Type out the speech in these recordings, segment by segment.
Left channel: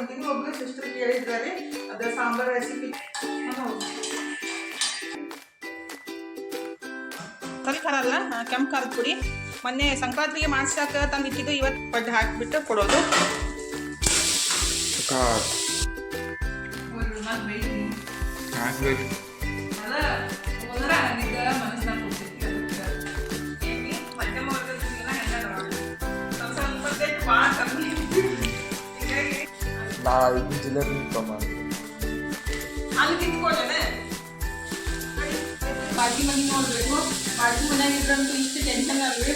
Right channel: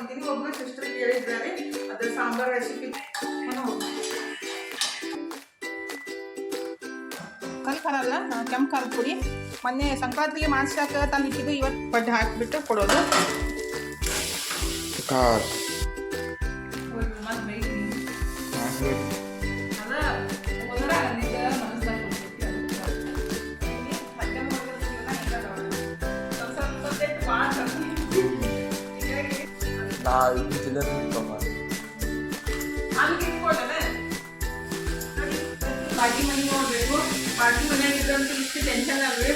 ಮಾಡ್ಕೊಂತೀನಿ ಒಬ್ಬರು ಸಿಸ್ಟರ್ ಕೇಳಿದ್ದಾರೆ ಅದರ ಸಾಂಬಾರ್ ರೆಸಿಪಿ ಖಾರ ಅಲ್ಲ ಕೆಂಪು ಖಾರದ ಪುಡಿ. ಮೊನ್ನೆ ಸಂಕ್ರಾಂತಿಗೆ ಮಾಡ್ಸಕ್ಕೆ ತಂದು ಇಟ್ಟಿದ್ದು ಇವತ್ತು ಪಡ್ಡು ಹಾಕಿಬಿಟ್ಟು ಕೊಡೋದು. God. ನಾ ಇದು ಜಿಲೇಬಿ ತಮ್ಮ ಬಾಜಿ ಮನೆ ನೋಡ್ಬೇಕು. ಬಾಜಿ ಮನೆಗೆ ಇದ್ರಂತೂ ಇಷ್ಟು ಟೆನ್ಷನ್ ಅಲ್ರಿ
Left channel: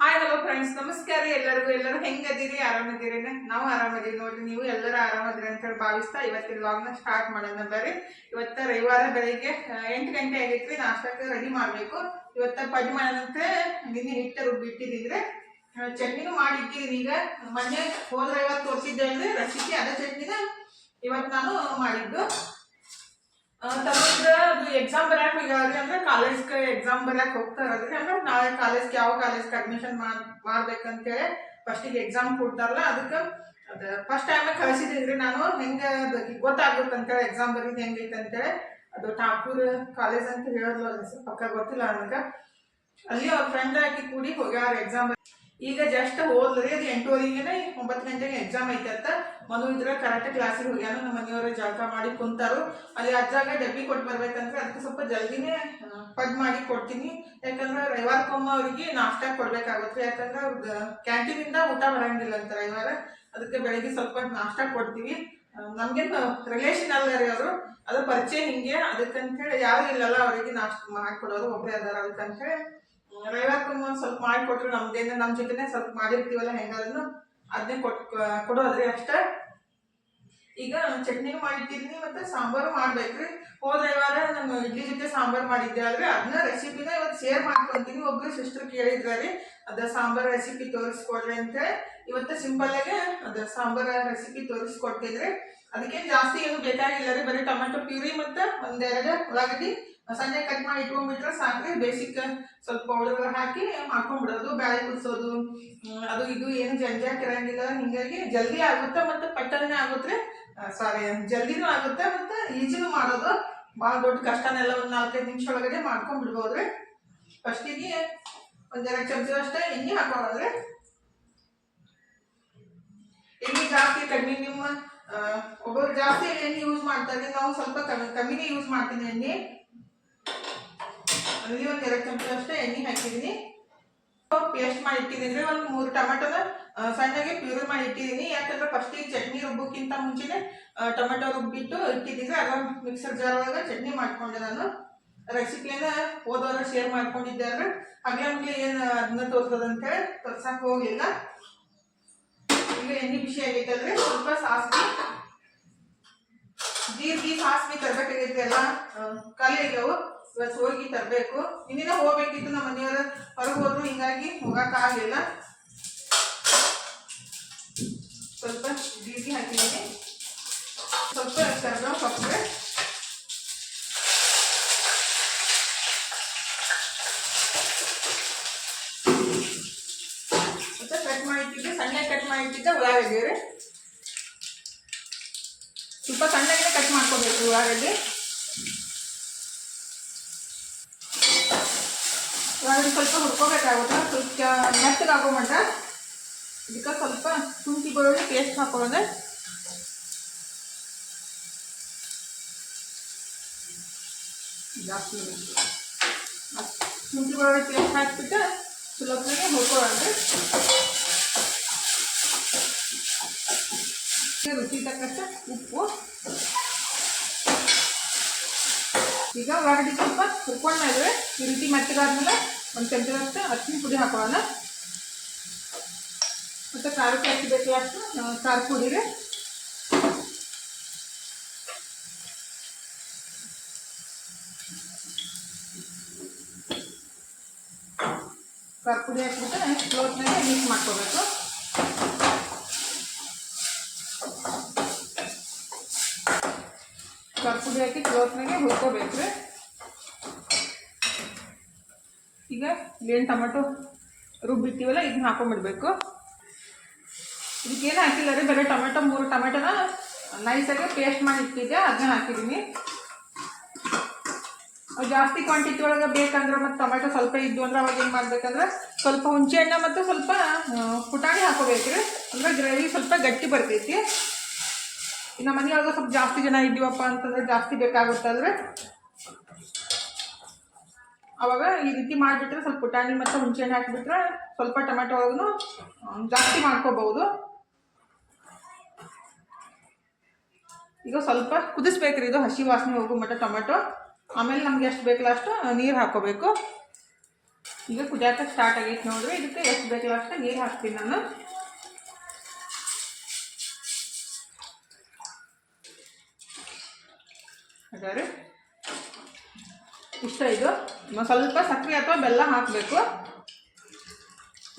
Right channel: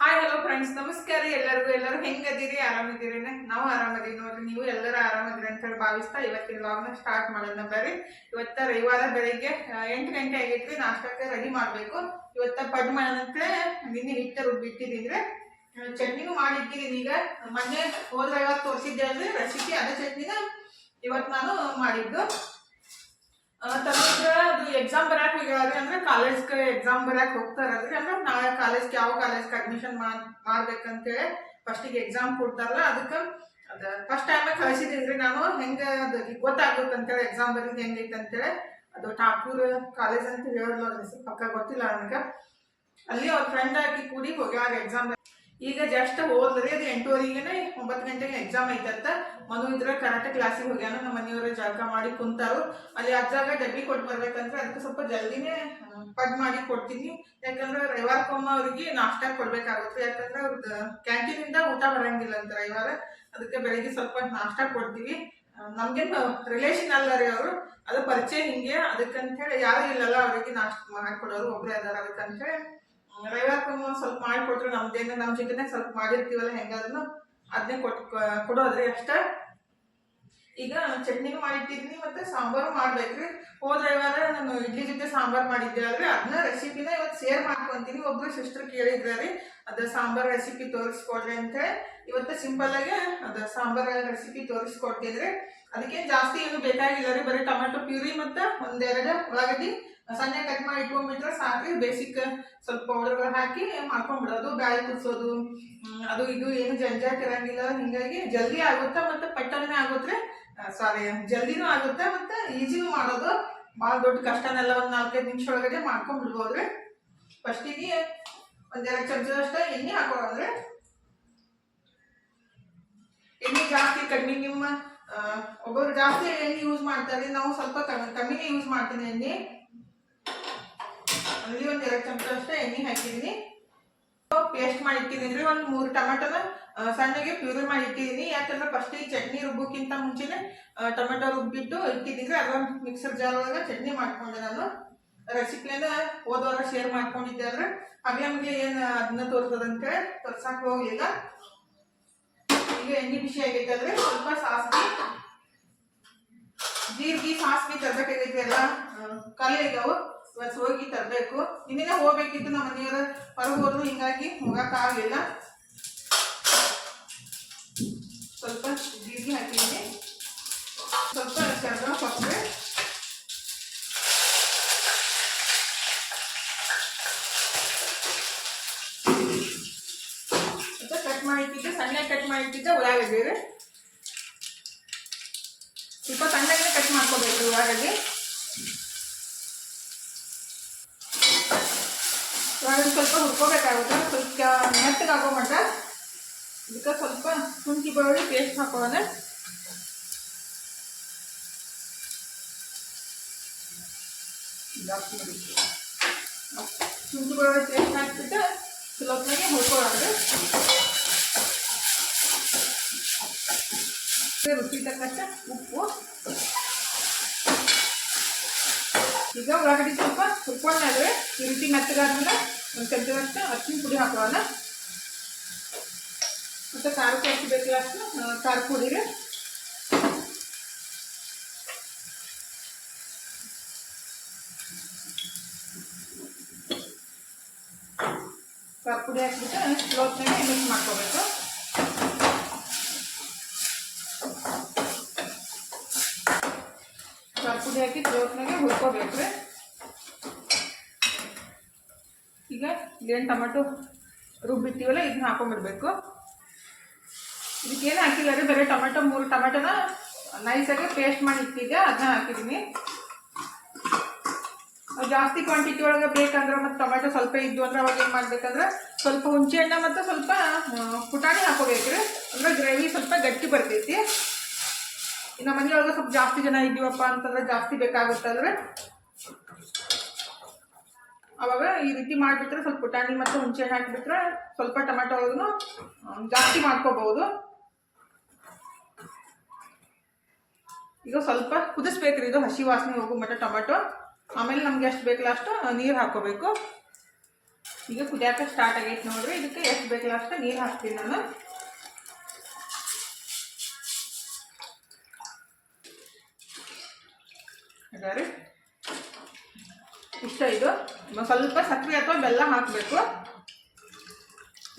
ಹಾಯ್ ಹಲೋ ಫ್ರೆಂಡ್ಸ್ ನಮಸ್ಕಾರ ರೀ ಎಲ್ಲರಿಗೂ. ಎಲ್ಲರೂ ಹೆಂಗದಿರಿ? ಆರಾಮದಿರಿ ನಾವು ಆರಾಮದೀವಿ ನೋಡ್ರಿ. ನೀವು ಎಲ್ಲರೂ ಆರಾಮದಿರಿ ಅಂತ ಹೇಳಿ ಭಾವಿಸ್ತಾ ಇವತ್ತಿನ ವ್ಲಾಗ್ನ ಸ್ಟಾರ್ಟ್ ಮಾಡೋಣ ಬರ್ರಿ. ಇವತ್ತ ರವಿವಾರ ಬೆಳಿಗ್ಗೆ ಆ, ಎಂಟು ಗಂಟೆ ಆಗೈತ್ರಿ. ನಾಷ್ಟಕ್ಕೆ ರೆಡಿ ಮಾಡಬೇಕು. ಇವತ್ತ ಪಡ್ಡು ಮಾಡೋಣಂತೆ ನಿನ್ನೆ ಹಿಟ್ಟು ರುಬ್ಬಿಟ್ಟಿದ್ರೆ ಚಟ್ನಿನೂ ಮಾಡಿಟ್ಟಿದ್ದೀನಿ ಈಗ. ಮೊನ್ನೆ ಹೋದ ಇವತ್ತು ತೋರಿಸಿದ್ದೆ ಅಂದ್ರೆ ರೆಸಿಪಿ ಅದ ಚಟ್ನಿನ ಇವತ್ತು ನಾನು ಮಾಡಿದ್ದು. ತಗೊಂಡ್ರೆ ಅದು ಎಕ್ಸಾಮ್ ಬರಕ್ ಹೋಗ್ಯಾವ್ರಿ ಅಂದ್ರೆ ಕಾಲೇಜ್ಗೆ ಎಕ್ಸಾಮ್ ಬರಕ್ ಹೋಗ್ತಾರಲ್ರಿ. ಅಂದ್ರೆ ನಾಳೆ ಕಾಲೇಜ್ಗೆ ಯಾವ ಕಾಲೇಜ್ಗೆ ಅಡ್ಮಿಷನ್ ಮಾಡ್, ಮಾಡ್ಬೇಕಂತೇಳಿ ಫಸ್ಟಿಗೆ ಎಕ್ಸಾಮ್ ಕೊಡ್ತಾರಲ್ಲ, ಅದಕ್ಕೆ ಅದು ಫಸ್ಟ್ ಟೈಮ್ ರೀ ನಾನು. ಹೆಂಗೆ ಅದು ಗೊತ್ತಾಗುತ್ತೆ ಅಂತೇಳಿ ಎಕ್ಸಾಮ್ ಬರೀದು ಹೆಂಗೈತೆ ಅಂತೇಳಿ ಅದು ಠಾಕೂರ್ ಕಾಲೇಜ್ ಅಂತ ಹೇಳಿದ್ಲು ಪಕ್ಕ ಗೊತ್ತಿಲ್ಲ ನನಗೆ. ಅಲ್ಲಿ ಅವ್ರ ಫ್ರೆಂಡ್ ಆಗಿ ಕೂಡಿ ಹೋಗ್ಯಾರ ಎಕ್ಸಾಮ್ ಈಗ ಜಸ್ಟ್ ಹೋದ್ರಿ, ಅದು ಎಂಟೂವರೆಗೆ ಒಂಬತ್ತು ಗಂಟೆಗೆ ಎಕ್ಸಾಮ್ ಐತೆ ಅಂತ. ಮನು ಇದ್ರೆ ಕರಾಟೆ ಕ್ಲಾಸಿಗೆ ಹೋಗ್ಯಾನು, ನಮ್ಮ ಮನೆಯವರ ಜಾಗ ಮಾಡಿ ಕುಂತಾರು. ಅಲ್ಲಿ ಅಜ್ಜಾಗ ಡಬ್ಬಿ ಕೊಟ್ಟು ಬರ್ಬೇಕಂದ್ರೆ ಅದಕ್ಕೆ ಸ್ವಲ್ಪ ಜಲ್ದಿನೇ ಪಡ್ ಮಾಡಿ ಕೊಡ್ತೀನಿ. ಯಾಕಂದ್ರೆ ರವಿವಾರಕ್ಕೊಮ್ಮ ಅವ್ರಿಗೆ ನಾಷ್ಟ ಕೊಡ್ಬೇಕಾಗುತ್ತೆ. ಯಾಕಂದ್ರೆ ಅವ್ರದ್ದು ಕ್ಯಾಂಟೀನಿಂದ ಊಟ ಬರಂಗಿಲ್ಲ ಅಂತ ರವಿವಾರ. ಅದಕ್ಕೆ ಬೆಳಿಗ್ಗೆ ಸ್ವಲ್ಪ ನಾಷ್ಟ ಕೊಡ್ತೀವಿ. ನಮ್ಗೆ ರಿಲೇಷನ್ ಅಲ್ಲ ರೀ ಅವರು. ಅದು ಪರಿಚಯ ಹಿಂಗೆ. ಅದಕ್ಕಂತ ಹೇಳಿ ಯಾರು ಇಲ್ಲಲ್ಲ, ಅವರಿಗೆ ನಾಷ್ಟ ಮಾಡಿಕೊಡೋರು ಒಬ್ಬರೇ ಅದಾರ. ಅದಕ್ಕಂತೇಳಿ ರವಿವಾರಕ್ಕೊಮ್ಮೆ ಒಂದು ಸ್ವಲ್ಪ ಮಾಡಿಕೊಟ್ರು, ನಮ್ದೇನ ನಮ್ಮ ಜೊತೆನೆ ಸ್ವಲ್ಪ ಮಾಡಿರ್ತೀವಲ್ಲ, ಹೆಂಗಾದ್ರೂ ಅದನ್ನೇ ಕೊಟ್ ಕೊಡೋದ್ರಿ ಅಷ್ಟೇ. ಈಗ ಚಟ್ನಿ ಮಾಡಿಟ್ಟಿದ್ದೀನಿ ಮತ್ತೆ ಸಾಂಬಾರು ಮಾಡ್ಬೇಕ್ರಿ. ಹೋದ ರವಿವಾರ ನಾನು ಇಡ್ಲಿ ಜೊತೆ ಸಾಂಬಾರು ಮಾಡಿದ್ದೆ ಅಲ್ರಿ ಅದನ್ನ ರೆಸಿಪಿನ ಇವತ್ತು ಶೇರ್ ಮಾಡ್ಕೊಂತೀನಿ. ಒಬ್ರು ಸಿಸ್ಟರ್ ಕೇಳಿದ್ರ ರೀ, ಅದ ಸಾಂಬಾರ್ ರೆಸಿಪಿ ತೋರಿಸ್ಕೊಡ್ರಿ ಅಂತೇಳಿ ಇವತ್ತು ಸಿಂಪಲ್ ಆಗಿ ಅದ ಸಾಂಬಾರ್ ರೆಸಿಪಿ ತೋರಿಸ್ಕೊಡ್ತಿದ್ರಿ. ಅದಕ್ಕೆ ಜಾಸ್ತಿ ಏನು ಬೇಕಾಗಿಲ್ಲ ರೀ, ಬರೀ ಟೊಮೆಟೊ ಪ್ಯೂರಿ ಮತ್ತು ಒಂದೆರಡು ಉಳ್ಳಾಗಡ್ಡಿ. ಸಣ್ಣ ಕಟ್ ಮಾಡಿ ಇಟ್ಕೊಂಡ್ಬಿಟ್ರೆ ಸಾಕು ಬೇಸಿಕ್ ಸ್ವಲ್ಪ ಪೌಡರ್ ಹಾಕಿ ಮಾಡ್ಕೊಂಡ್ಬಿಡೋದು. ಬ್ಯಾಳೆ ಕುದಿಸೋದು. ಅದು ಇದು ಏನು ಜಂಜಾಟ್ ಇರಂಗಿಲ್ಲ. ಹಿಂಗಾಗಿ ಜಲ್ದಿ ಆಗುತ್ತೆ ಮತ್ತು ಪಟ್ಟನೆ ಆಗುತ್ತೆ. ಸಾರಿ ಜಲ್ದಿನೂ ಆಗುತ್ತೆ ಮತ್ತು ಈಜಿನೂ ಮಾಡೋದು. ಭಾಳ ದೊಡ್ಡ ಕಷ್ಟನೆಲ್ಲ ಒಂದು ನಾಲ್ಕೈದು ನಿಮಿಷ ಒಳಗಡೆ ಮಾಡ್ಕೊಂಡ್ಬಿಡ್ಬೋದ್ರಿ ಫಸ್ಟಿಗೆ ಒಂದೆರಡು ಚಮಚದಷ್ಟು ಎಣ್ಣೆ ಹಾಕೊಳ್ಳೋದ್ರೆ. ಎಣ್ಣೆ ಜಾಸ್ತಿ ಕಡಿಮೆ ನಿಮ್ಮ ಒಬ್ಬರು ಜಾಸ್ತಿ ಎಣ್ಣೆ ಯೂಸ್ ಮಾಡ್ತಾರೆ. ನಾವು ಸ್ವಲ್ಪ ಕಮ್ಮಿ, ಕಮ್ಮಿನೇ ಯೂಸ್ ಮಾಡ್ತೀನಿ ಎಣ್ಣೆ. ಅಲ್ಲಿ ಒಂದು ಎರಡು ಚಮಚ ಅಷ್ಟೇ, ಎಣ್ಣೆ ಹಾಕಿದ್ದೀನಿ ಪೇಸ್ಟ್ ಮಾಡಿ ಇಟ್ಟಿದ್ದೀನಿ. ಒಂದು ಮೂರು ಟೊಮೆಟೊನ ಸಣ್ಣಗೆ ಪ್ಯೂರಿ ಮಾಡಿ ಇಟ್ಟಿದ್ದೀನಿ. ಯಾಕಂದ್ರೆ ಫಸ್ಟಿಗೆ ಚಟ್ನಿ ರುಬ್ಬೋಕ್ಕಿಂತ ಮುಂಚೆನೆ ಟೊಮೆಟೊ ರುಬ್ಬಿಟ್ಟು ಇಟ್ಟಿದ್ದೀನಿ. ಅದೊಂದು ಮಿಕ್ಸರ್ ಜಾರ್ ಚಟ್ನಿ ಮಾಡ್ಕೊಂಡೆ ನಾನು. ರೆಸಿಪಿಯನ್ನ ಹೋದವರ ಶೇರ್ ಮಾಡ್ಕೊಂಡಿದ್ದೆ ಅಂದ್ರೆ ಹಗ್ಲೆ ಮಗ್ಲೆ ಏನು ಅದನ್ನ ತೋರಿಸೋದಂತೇಳಿ ತೋರ್ಸಕ್ಕೆ ಹೋಗಿಲ್ಲ. ಈಗ ಎಣ್ಣೆ ಬಿಸಿ ಆಗೈತಲ್ರಿ ಸ್ವಲ್ಪ ಸಾಸಿವೆ, ಜೀರಿಗೆ ಸಾಸಿವೆ ತರಬೇಕಾಗೈತೆ ಎಲ್ಲ ಖಾಲಿ ಇವತ್ತು ಹೋಗಿ ತರಬೇಕು. ಇನ್ನಿನ ಹೋಗ್ಬೇಕಿತ್ತು ನಮ್ಮ ಮನೆಯವರು. ಹೊರಗೆ ಹೋದ್ರು ಹಿಂಗಾಗಿ ಹೋಗಕ್ಕಾಗಲಿಲ್ಲ ಸ್ವಲ್ಪ ಜೀರಿಗೆ ಹಾಕಿದ್ದೀನಿ. ಸ್ವಲ್ಪ ಕರ್ಬೇವು ಸೊಪ್ಪೆ ಕಟ್ ಮಾಡಿಟ್ಟಿದ್ದೆ ಸಣ್ಣ ಕಟ್ ಮಾಡಿಟ್ಟಿದ್ದೆ ಉಳ್ಳಾಗಡ್ಡಿ ಸ್ವಲ್ಪ ಸಣ್ಣಗೆ ಕಟ್ ಮಾಡ್ಕೋಬೇಕು ಉಳ್ಳಾಗಡ್ಡಿ. ಉಳ್ಳಾಗಡ್ಡಿ ಸ್ವಲ್ಪ ಹುರ್ಕೋಬೇಕಾಗುತ್ತೆ. ಸ್ವಲ್ಪ ಮೆತ್ತಗೆ ಆಗೋ ಮಟ್ಟ ಇದಕ್ಕೆ ಸ್ವಲ್ಪ ಶುಂಠಿ ಬೆಳ್ಳುಳ್ಳಿ ಪೇಸ್ಟ್ ಹಾಕೊಳ್ಳೋಣ. ಜಾಸ್ತಿ ಇರುತ್ತೆ. ಶುಂಠಿ ಬೆಳ್ಳುಳ್ಳಿ ಪೇಸ್ಟ್ ಹಾಕ್ಬಿಟ್ಟು ಚಲೋತ್ನಾಗೆ ಹುರ್ಕೊಳ್ಳೋಣ. ರುಚಿ ತಕ್ಕಷ್ಟ ಉಪ್ಪು. ಈಗ ಉಳ್ಳಾಗಡ್ಡಿ ಸ್ವಲ್ಪ ಹುರ್ಕೊಂಡ್ಮೇಲೆ ಈ ರೀತಿ ಮೆತ್ತಗಾದ್ಮೇಲೆ ಒಂದು ಚಮಚದಷ್ಟು ಅರ್ಶಿನ ಪುಡಿ ಹಾಕೊಳ್ಳೋಣ. ಮತ್ತು ಖಾರಕ್ಕೆ ಎಷ್ಟು ಬೇಕು ಅಷ್ಟು ಖಾರ ಪುಡಿ ರೀ. ಖಾರ ಪುಡಿ ಹಾಕ್ಬಿಟ್ಟು ಕ್ಲೋತ್ನಾಗೆ ಮಿಕ್ಸ್ ಮಾಡ್ಕೋಬೇಕು. ಪುಡಿ ಹಾಕಿ ಕ್ಲೋತ್ನಾಗೆ ಹುರ್ಕೋಬೇಕು ರೀ. ಈಗ ಏನು ಟೊಮೆಟೊ ರುಬ್ಬಿರ್ತೀವಲ್ಲ ಇದನ್ನ ಹಾಕೊಂಡ್ಬಿಡ್ಬೇಕು ಇದಕ್ಕೇನು ಹಾಕಿಲ್ಲ ರೀ, ಬರೀ ಟೊಮೆಟೊ, ಮೂರು ಟೊಮೆಟೊನ ನೈಸಾಗಿ ಪೇಸ್ಟ್ ಮಾಡಿ ಇಟ್ಟಿದ್ದೆ, ಅದನ್ನ ಹಾಕಿದ್ದೀನಿ ಜಾಸ್ತಿ ಕ್ವಾಂಟಿಟಿ ಒಳಗೆ ಬೇಕಂದ್ರೆ ಮತ್ತು ಟೊಮೆಟೊ ಸ್ವಲ್ಪ ಇದ್ದು ಅಂದ್ರೆ ಅವಾಗ ಏನು ಮಾಡ್ಬೇಕಂದ್ರೆ ಸ್ವಲ್ಪ ಹುಣಸೆ ಹಣ್ಣು ಮತ್ತು ಸ್ವಲ್ಪ ಪುಟಾಣಿ ಹಾಕೋಬೇಕು ರೀ ಅಂದ್ರೆ ಗ್ರೇವಿ ಸ್ವಲ್ಪ ಗಟ್ಟಿ ಬರ್ತೈತಿ. ಇನ್ನು ಮನೆಯೊಳಗೆ ಸ್ವಲ್ಪ ಜಾಸ್ತಿ ಜನ ಇದ್ದೀವಪ್ಪ ಅಂತಂದರೆ ಜಾಸ್ತಿ ಬೇಕಾಗುತ್ತಲ್ವೇ ಅವಾಗ ಈ ರೀತಿ ಮಾಡಿಬಿಟ್ರೆ ಸ್ವಲ್ಪ ಪುಟಾಣಿ ಮತ್ತು ಹುಣಸೆ ಹಣ್ಣು ಹಾಕಿಬಿಟ್ರೆ ಸ್ವಲ್ಪ ಟೊಮೆಟೊ ಒಳಗೂ ಜಾಸ್ತಿ ಮಾಡ್ಕೋಬಹುದು. ಈಗ ಸ್ವಲ್ಪ ಕುದಿಸ್ಬೇಕ್ರಿ, ಇದು ಹಸಿ ವಾಸನೆ ಹೋಗೋ ಮಟ್ಟ ಟೊಮೆಟೊ. ಆಮೇಲೆ ನಮ್ಗೆ ಎಷ್ಟು ಬೇಕಲ್ಲ ಅಷ್ಟು ನೀರು ಹಾಕೋಬೇಕು ಈಗ ಕುದಿಯಾಕ ಸ್ಟಾರ್ಟ್ ಆಗೈತೆ ನೋಡ್ರಿ, ಇದಕ್ಕೆ ಎಷ್ಟು ಬೇಕಲ್ಲ ಅಷ್ಟು ನೀರು ಹಾಕ್ತೀನಿ ನಾನು. ಹಾಗಾದ್ರೆ ಇಷ್ಟ ಇದು. ಸ್ವಲ್ಪ ಸಕ್ಕರೆ ಅಥವಾ ಬೆಲ್ಲ ಹಾಕಬೇಕು.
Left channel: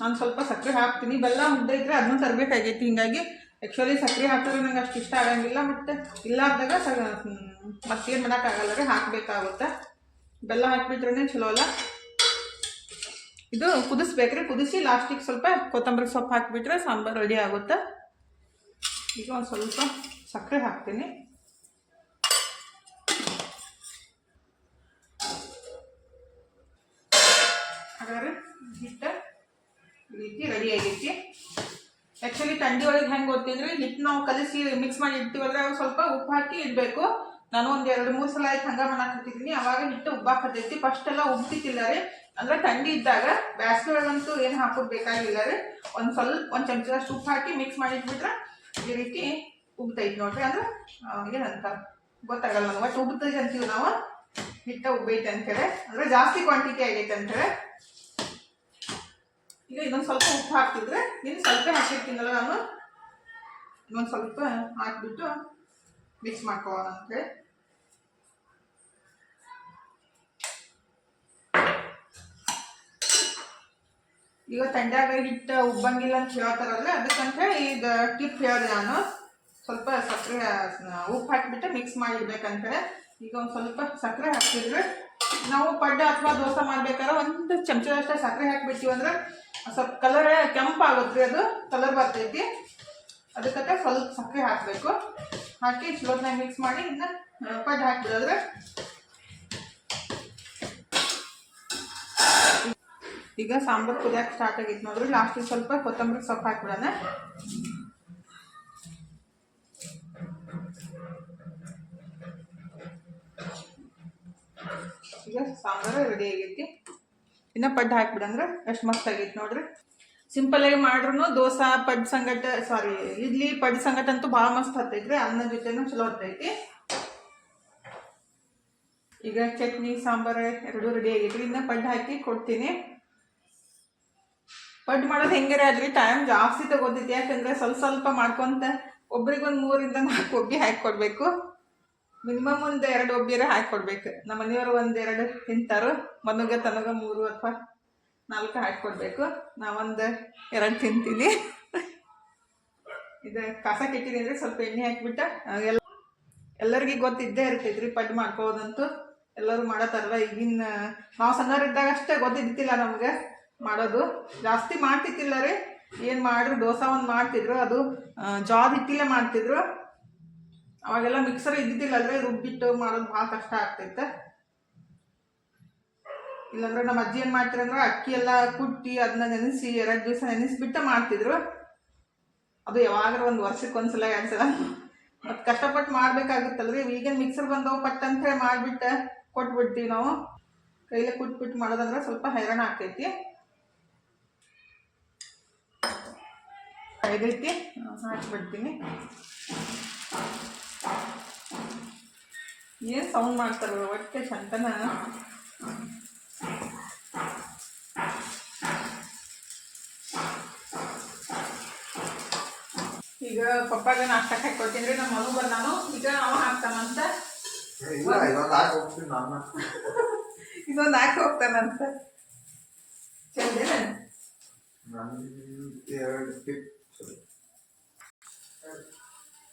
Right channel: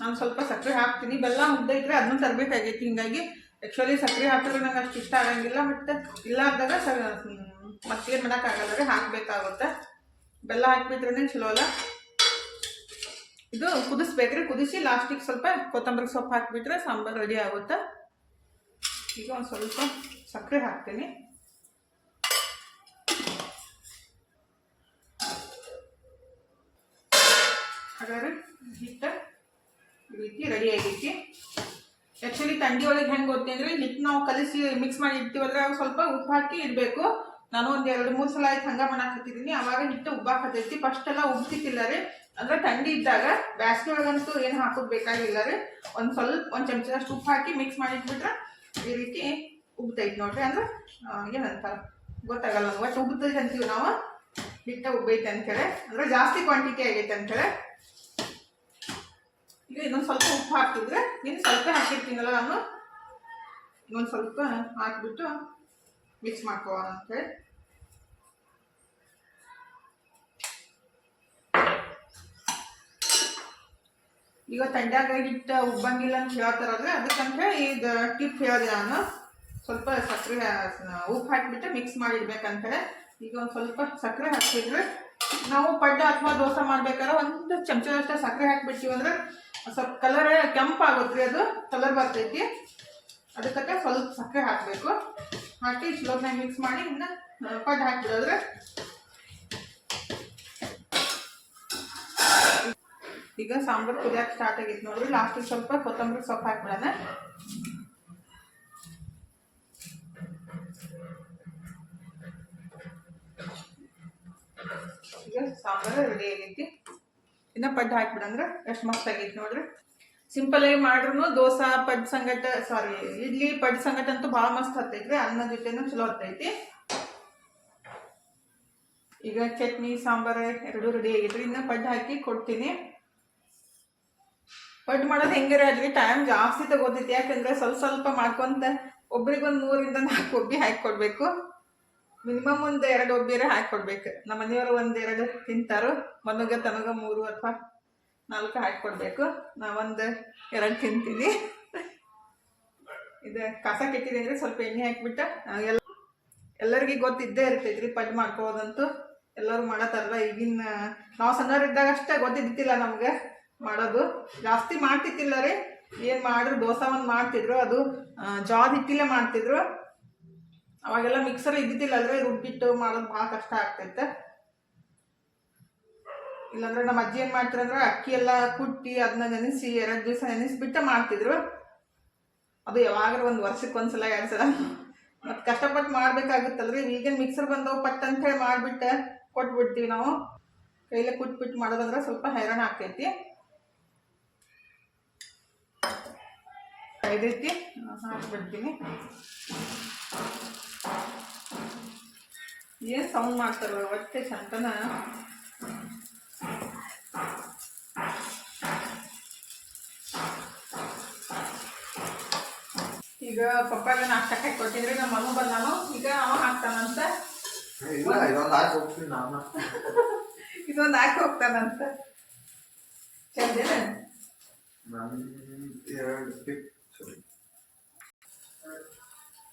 ನಾನು ಸ್ವಲ್ಪ ಸಕ್ಕರೆ ಹಾಕ್ತೀನಿ. ಬೆಲ್ಲ ಮುದ್ದೆ ಇದ್ದರೆ ಅದನ್ನು ತರಬೇಕಾಗೈತಿ. ಹಿಂಗಾಗಿ ಆ್ಯಕ್ಚುಲಿ ಸಕ್ಕರೆ ಹಾಕಿದ್ರೆ ನಂಗೆ ಅಷ್ಟು ಇಷ್ಟ ಆಗಂಗಿಲ್ಲ. ಮತ್ತು ಇಲ್ಲಾರ್ದಾಗ ಸ ಮಾಡೋಕ್ಕಾಗಲ್ಲ ರೀ. ಹಾಕಬೇಕಾಗುತ್ತೆ. ಬೆಲ್ಲ ಹಾಕಿಬಿಟ್ರೆ ಚಲೋ ಅಲ್ಲ. ಇದು ಕುದಿಸ್ಬೇಕ್ರಿ ಕುದಿಸಿ ಲಾಸ್ಟಿಗೆ ಸ್ವಲ್ಪ ಕೊತ್ತಂಬರಿ ಸೊಪ್ಪು ಹಾಕಿಬಿಟ್ರೆ ಸಾಂಬಾರು ರೆಡಿ ಆಗುತ್ತೆ. ಈಗ ಒಂದು ಸ್ವಲ್ಪ ಸಕ್ಕರೆ ಹಾಕ್ತೀನಿ. ಹಿಟ್ಟು ರೀತಿ ರೆಡಿ ಆಗೈತಿ ಆ್ಯಕ್ಚುಲಿ ತಂಡಿ ಒಳಗೆ ಹೆಂಗೆ ಗೊತ್ತಂದ್ರೆ ಹಿಟ್ಟು ನಾವು ಕಲಿಸಿ ಮಿಕ್ಸ್ ಮಾಡಿ ಇಡ್ತೀವಲ್ಲ ಸ್ವಲ್ಪ ಉಪ್ಪು ಹಾಕಿ ಇಡಬೇಕು. ನಾನು ಒಂದು ಎರಡು ಮೂರು ಸಲ ಆಯ್ತು ಹಂಗೆ ಹತ್ತಿದೀನಿ. ಅವಾಗ ಹಿಟ್ಟು ಉಬ್ಬಾಕತ್ತೈತಿ ಫಸ್ಟ್ ಎಲ್ಲ ಉಬ್ತಿತ್ತಿಲ್ಲ ರೀ. ಅಂದ್ರೆ ಥಂಡಿ ಇದ್ದಾಗ ಬ್ಯಾಸ್ಗೆ ಒಳಗಂತೂ ಏನು ಹಾಕೋದು ಬೇಕಾಗಿಲ್ಲ ರೀ. ಒಂದು ಸ್ವಲ್ಪ, ಒಂದು ಚಮಚದಷ್ಟು ಉಪ್ಪು ಹಾಕಿ ಮಿಕ್ಸ್ ಮಾಡಿ ಇಟ್ಬಿಟ್ರೆ ಈ ರೀತಿ ಉಬ್ತೈತಿ ನೋಡ್ರಿ. ಅಂದ್ರೆ ಏನಂತ ಗೊತ್ತಾಗಲ್ಲ ಒಟ್ಟು ಉಬ್ತೈತೆ ಅಂತೀವಿ ನಾವು. ಹಿಟ್ಟ ಉಬ್ಬೈತೆ ಅಂತೇಳಿ ಅಂದ್ರೆ ಜಾಸ್ತಿ ಕ್ವಾಂಟಿಟಿ ಆಗೈತೆ ಅಂತೇಳಿ ಈಗ ಇನ್ನೊಂದು ಸ್ವಲ್ಪ ಉಪ್ಪು ಹಾಕ್ತಿದ್ರೆ ನೀನು ಸ್ವಲ್ಪ ಹಾಕಿರ್ತೀನಲ್ಲ ನಾನು? ಇನ್ನೊಂದು ಸ್ವಲ್ಪ ಹಾಕಿಬಿಟ್ಟು ಮಿಕ್ಸ್ ಮಾಡ್ಕೊಳ್ಳೋಣ ಅಂತೇಳಿ. ಈಗ ತಂಡ್ಯಾಗ ಹಿಟ್ಟು ಉಬ್ಬಂಗಿಲ್ಲ ಅಂತ ಹೇಳ್ತಾರಲ್ಲ ಅದಕ್ಕಂತ ಈಗ ಟಿಪ್ ಹೇಳಿದೆ ನಾನು. ಸ್ವಲ್ಪ ಸಕ್ಕರೆ, ಉಪ್ಪು ಹಾಕಿಬಿಟ್ಟು ಮಿಕ್ಸ್ ಮಾಡಿಡ್ಬೇಕಂತೇಳಿ. ಈಗ ಒಂದು ಸ್ವಲ್ಪ ಸಕ್ಕರೆ ಹಾಕ್ತಿದ್ರೆ ನಾವು ಪಡ್ಡ ಅಥವಾ ದೋಸೆ ಮಾಡ್ಬೇಕಾದ್ರೆ ಒಂದು ಚಮಚದಷ್ಟೇ ಸಕ್ಕರೆ ಹಾಕಿಬಿಡ್ತೀವಿ ಅಂದ್ರೆ ಸ್ವಲ್ಪ ಕಲರ್ ಕೆಂಪಾಗುತ್ತೆ ಅದು, ಕಲರ್ ಬರ್ತೈತಿ. ಅದಕ್ಕೆ ಸ್ವಲ್ಪ ಸಕ್ಕರೆ ಹಾಕಬೇಕು. ಹಾಕಿ ಸ್ಲೋತ್ನಾಗ ಮಿಕ್ಸ್ ಮಾಡಿ ಇನ್ನು ಪಡ್ ಹಾಕಿದ್ರೆ ಈಗ ಸಾಂಬಾರು ಕುದಿಯಕ್ಕೆ ಸ್ಟಾರ್ಟ್ ಆಗಿತ್ತು ನೋಡ್ರಿ. ಲಾಸ್ಟಿಗೆ ಸ್ವಲ್ಪ ಕೊತ್ತಂಬರಿ ಸೊಪ್ಪು ಹಾಕ್ಬಿಡೋಣ. ಈಗ ಸಾಂಬಾರು ರೆಡಿ ಆಗೈತಿ. ಇನ್ನು ಪಡ್ಡು ಹಾಕ್ಬಿಡಂದ್ರೆ ಎಷ್ಟು ಮಸ್ತ್ ಆಗೈತಿ ನೋಡ್ರಿ. ಸಿಂಪಲ್ ಆಗಿ ಮಾಡ್ರು ದೋಸೆ ಪಡ್ ಸಂಗಟ ಸಾರಿ ಇಡ್ಲಿ ಪಡ್ ಸಂಗಟ ಅಂತೂ ಭಾಳ ಮಸ್ತ್ ಹತ್ತೈತ್ರಿ ಅನ್ನ ಜೊತೆನೂ ಚಲೋ ಹತ್ತೈತಿ. ಈಗ ಚಟ್ನಿ, ಸಾಂಬಾರು ಎರಡೂ ರೆಡಿ ಆಗೈತ್ರಿ, ಇನ್ನು ಪಡ್ಡು ಹಾಕಿ ಕೊಡ್ತೀನಿ. ಪಡ್ಡು ಮಾಡೋದು ಹೆಂಗಿರ ಅಲ್ಲಿ ಟೈಮ್ ಜಾಸ್ತಿ ತಗೋತೈತಿ ಯಾಕಂದ್ರೆ ಸ್ವಲ್ಪ ಸ್ವಲ್ಪ ಮಾಡ್ಕೊಂತ ಒಬ್ರಿಗೊಂದು ಮೂರಿಂದ ನಾಲ್ಕು ಒಬ್ಬಿ ಹಾಕಿ ಕೊಡಬೇಕು. ಮಿನಿಮಮ್ ಒಂದು ಎರಡು ಒಬ್ಬಿರ ಹಾಕಿ ಕೊಡ್ಬೇಕು ನಮ್ಮ ಮನೆಯವರು ಒಂದು ಎರಡು ತಿಂತಾರು. ಮನುಗ, ತನಗ ಮೂರು ಅಥವಾ ನಾಲ್ಕು ಹಾಕಿ ಕೊಡಬೇಕು ನಾವೊಂದು ಎರಡು ತಿಂತೀನಿ. ಇದು, ಕಸ ಕೆಟ್ಟಿದೆ ಅಂದರೆ ಸ್ವಲ್ಪ ಎಣ್ಣೆ ಹಾಕಿಬಿಟ್ಟು ಎಲ್ಲ ಎಲ್ಲರಿಗೂ ಗೊತ್ತಿದ್ದೇ ಇರ್ತೈತ್ರಿ ಪಡ್ಡು ಮಾಡ್ಕೋಬೋದಂತೂ. ಎಲ್ಲರೂ ಮಾಡತ್ತಾರಲ್ಲ, ಈಗಿನ ನಾವು ಸಣ್ಣವರಿದ್ದಾಗ ಅಷ್ಟೇ ಗೊತ್ತಿದ್ದಿಲ್ಲ ನಮ್ಗೆ ಮಾಡೋದು. ಜಾಸ್ತಿ ಮಾಡ್ತಿತ್ತಿಲ್ಲ ರೀ. ಏನು ಮಾಡ್ರು ದೋಸೆ ಒಂದು ಮಾಡ್ತಿದ್ರು, ಅದು ಹಿಟ್ಟಿಲ್ಲ ಹಿಟ್ಟಿಲ್ಲೇ ಮಾಡ್ತಿದ್ರು. ಅವಾಗೆಲ್ಲ ಮಿಕ್ಸರ್ ಇದ್ದಿದ್ದಿಲ್ಲ ಅಂದ್ರೆ ರುಬ್ಬಿಟ್ಟು ಮಾಡೋದು ಭಾಳ ಕಷ್ಟ ಆಗ್ತೈತೆ. ಇಲ್ಲಾಂದ್ರೆ ನಮ್ಮ ಅಜ್ಜಿ ಏನು ಮಾಡ್ತಿರಂದ್ರೆ ಅಕ್ಕಿ ಎಲ್ಲ ಕುಟ್ಟಿ ಅದನ್ನ ನೆನೆಸಿ ಎರಡು ದಿವಸ ನೆನೆಸಿಬಿಟ್ಟು ಮಾಡ್ತಿದ್ರು. ಅದು ಯಾವಾಗಲೂ ಒಂದು ವರ್ಷಕ್ಕೆ ಒಂದ್ಸಲ ಎರಡು ಸಲ. ಮತ್ತು ಕಷ್ಟಪಟ್ಟು ಮಾಡ್ಬೇಕಾಗುತ್ತಲ್ರಿ ಈಗಿನ ಮಿಕ್ಸರ್ ಬಂದವು ಪಟ್ ಅಂತ ಹೇಳಿ ಮಾಡಿಬಿಟ್ಟು, ಕೊಟ್ಬಿಡ್ತೀವಿ ನಾವು. ಕೈಲೇ ಕುಟ್ಬಿಟ್ಟು ಮಾಡೋದಂದ್ರೆ ಸ್ವಲ್ಪ ಹೈರಾಣ ಆಗ್ತೈತಿ. ಐದು ರೀತಿ ಹಾಕಿಬಿಡ್ತೀನಿ. ಏನು ಸೌಂಡ್ ಮಾಡ್ತಾರೆ ಒಟ್ಟೆ ಶಂತನ ಈಗ ಪಪ್ಪಾಗ ನಾಷ್ಟಕ್ಕೆ ಹಾಕಿ ಕೊಟ್ಟಿದ್ರೆ ನಮ್ಮ ಮನು ಬಂದಾನು. ಈಗ ಅವ ಹಾಕ್ತಾನಂತ. ಇದೊಂದು ಹಾಕಿ ಹೋಗ್ತಾನಂತ. ಚಂದೇನ?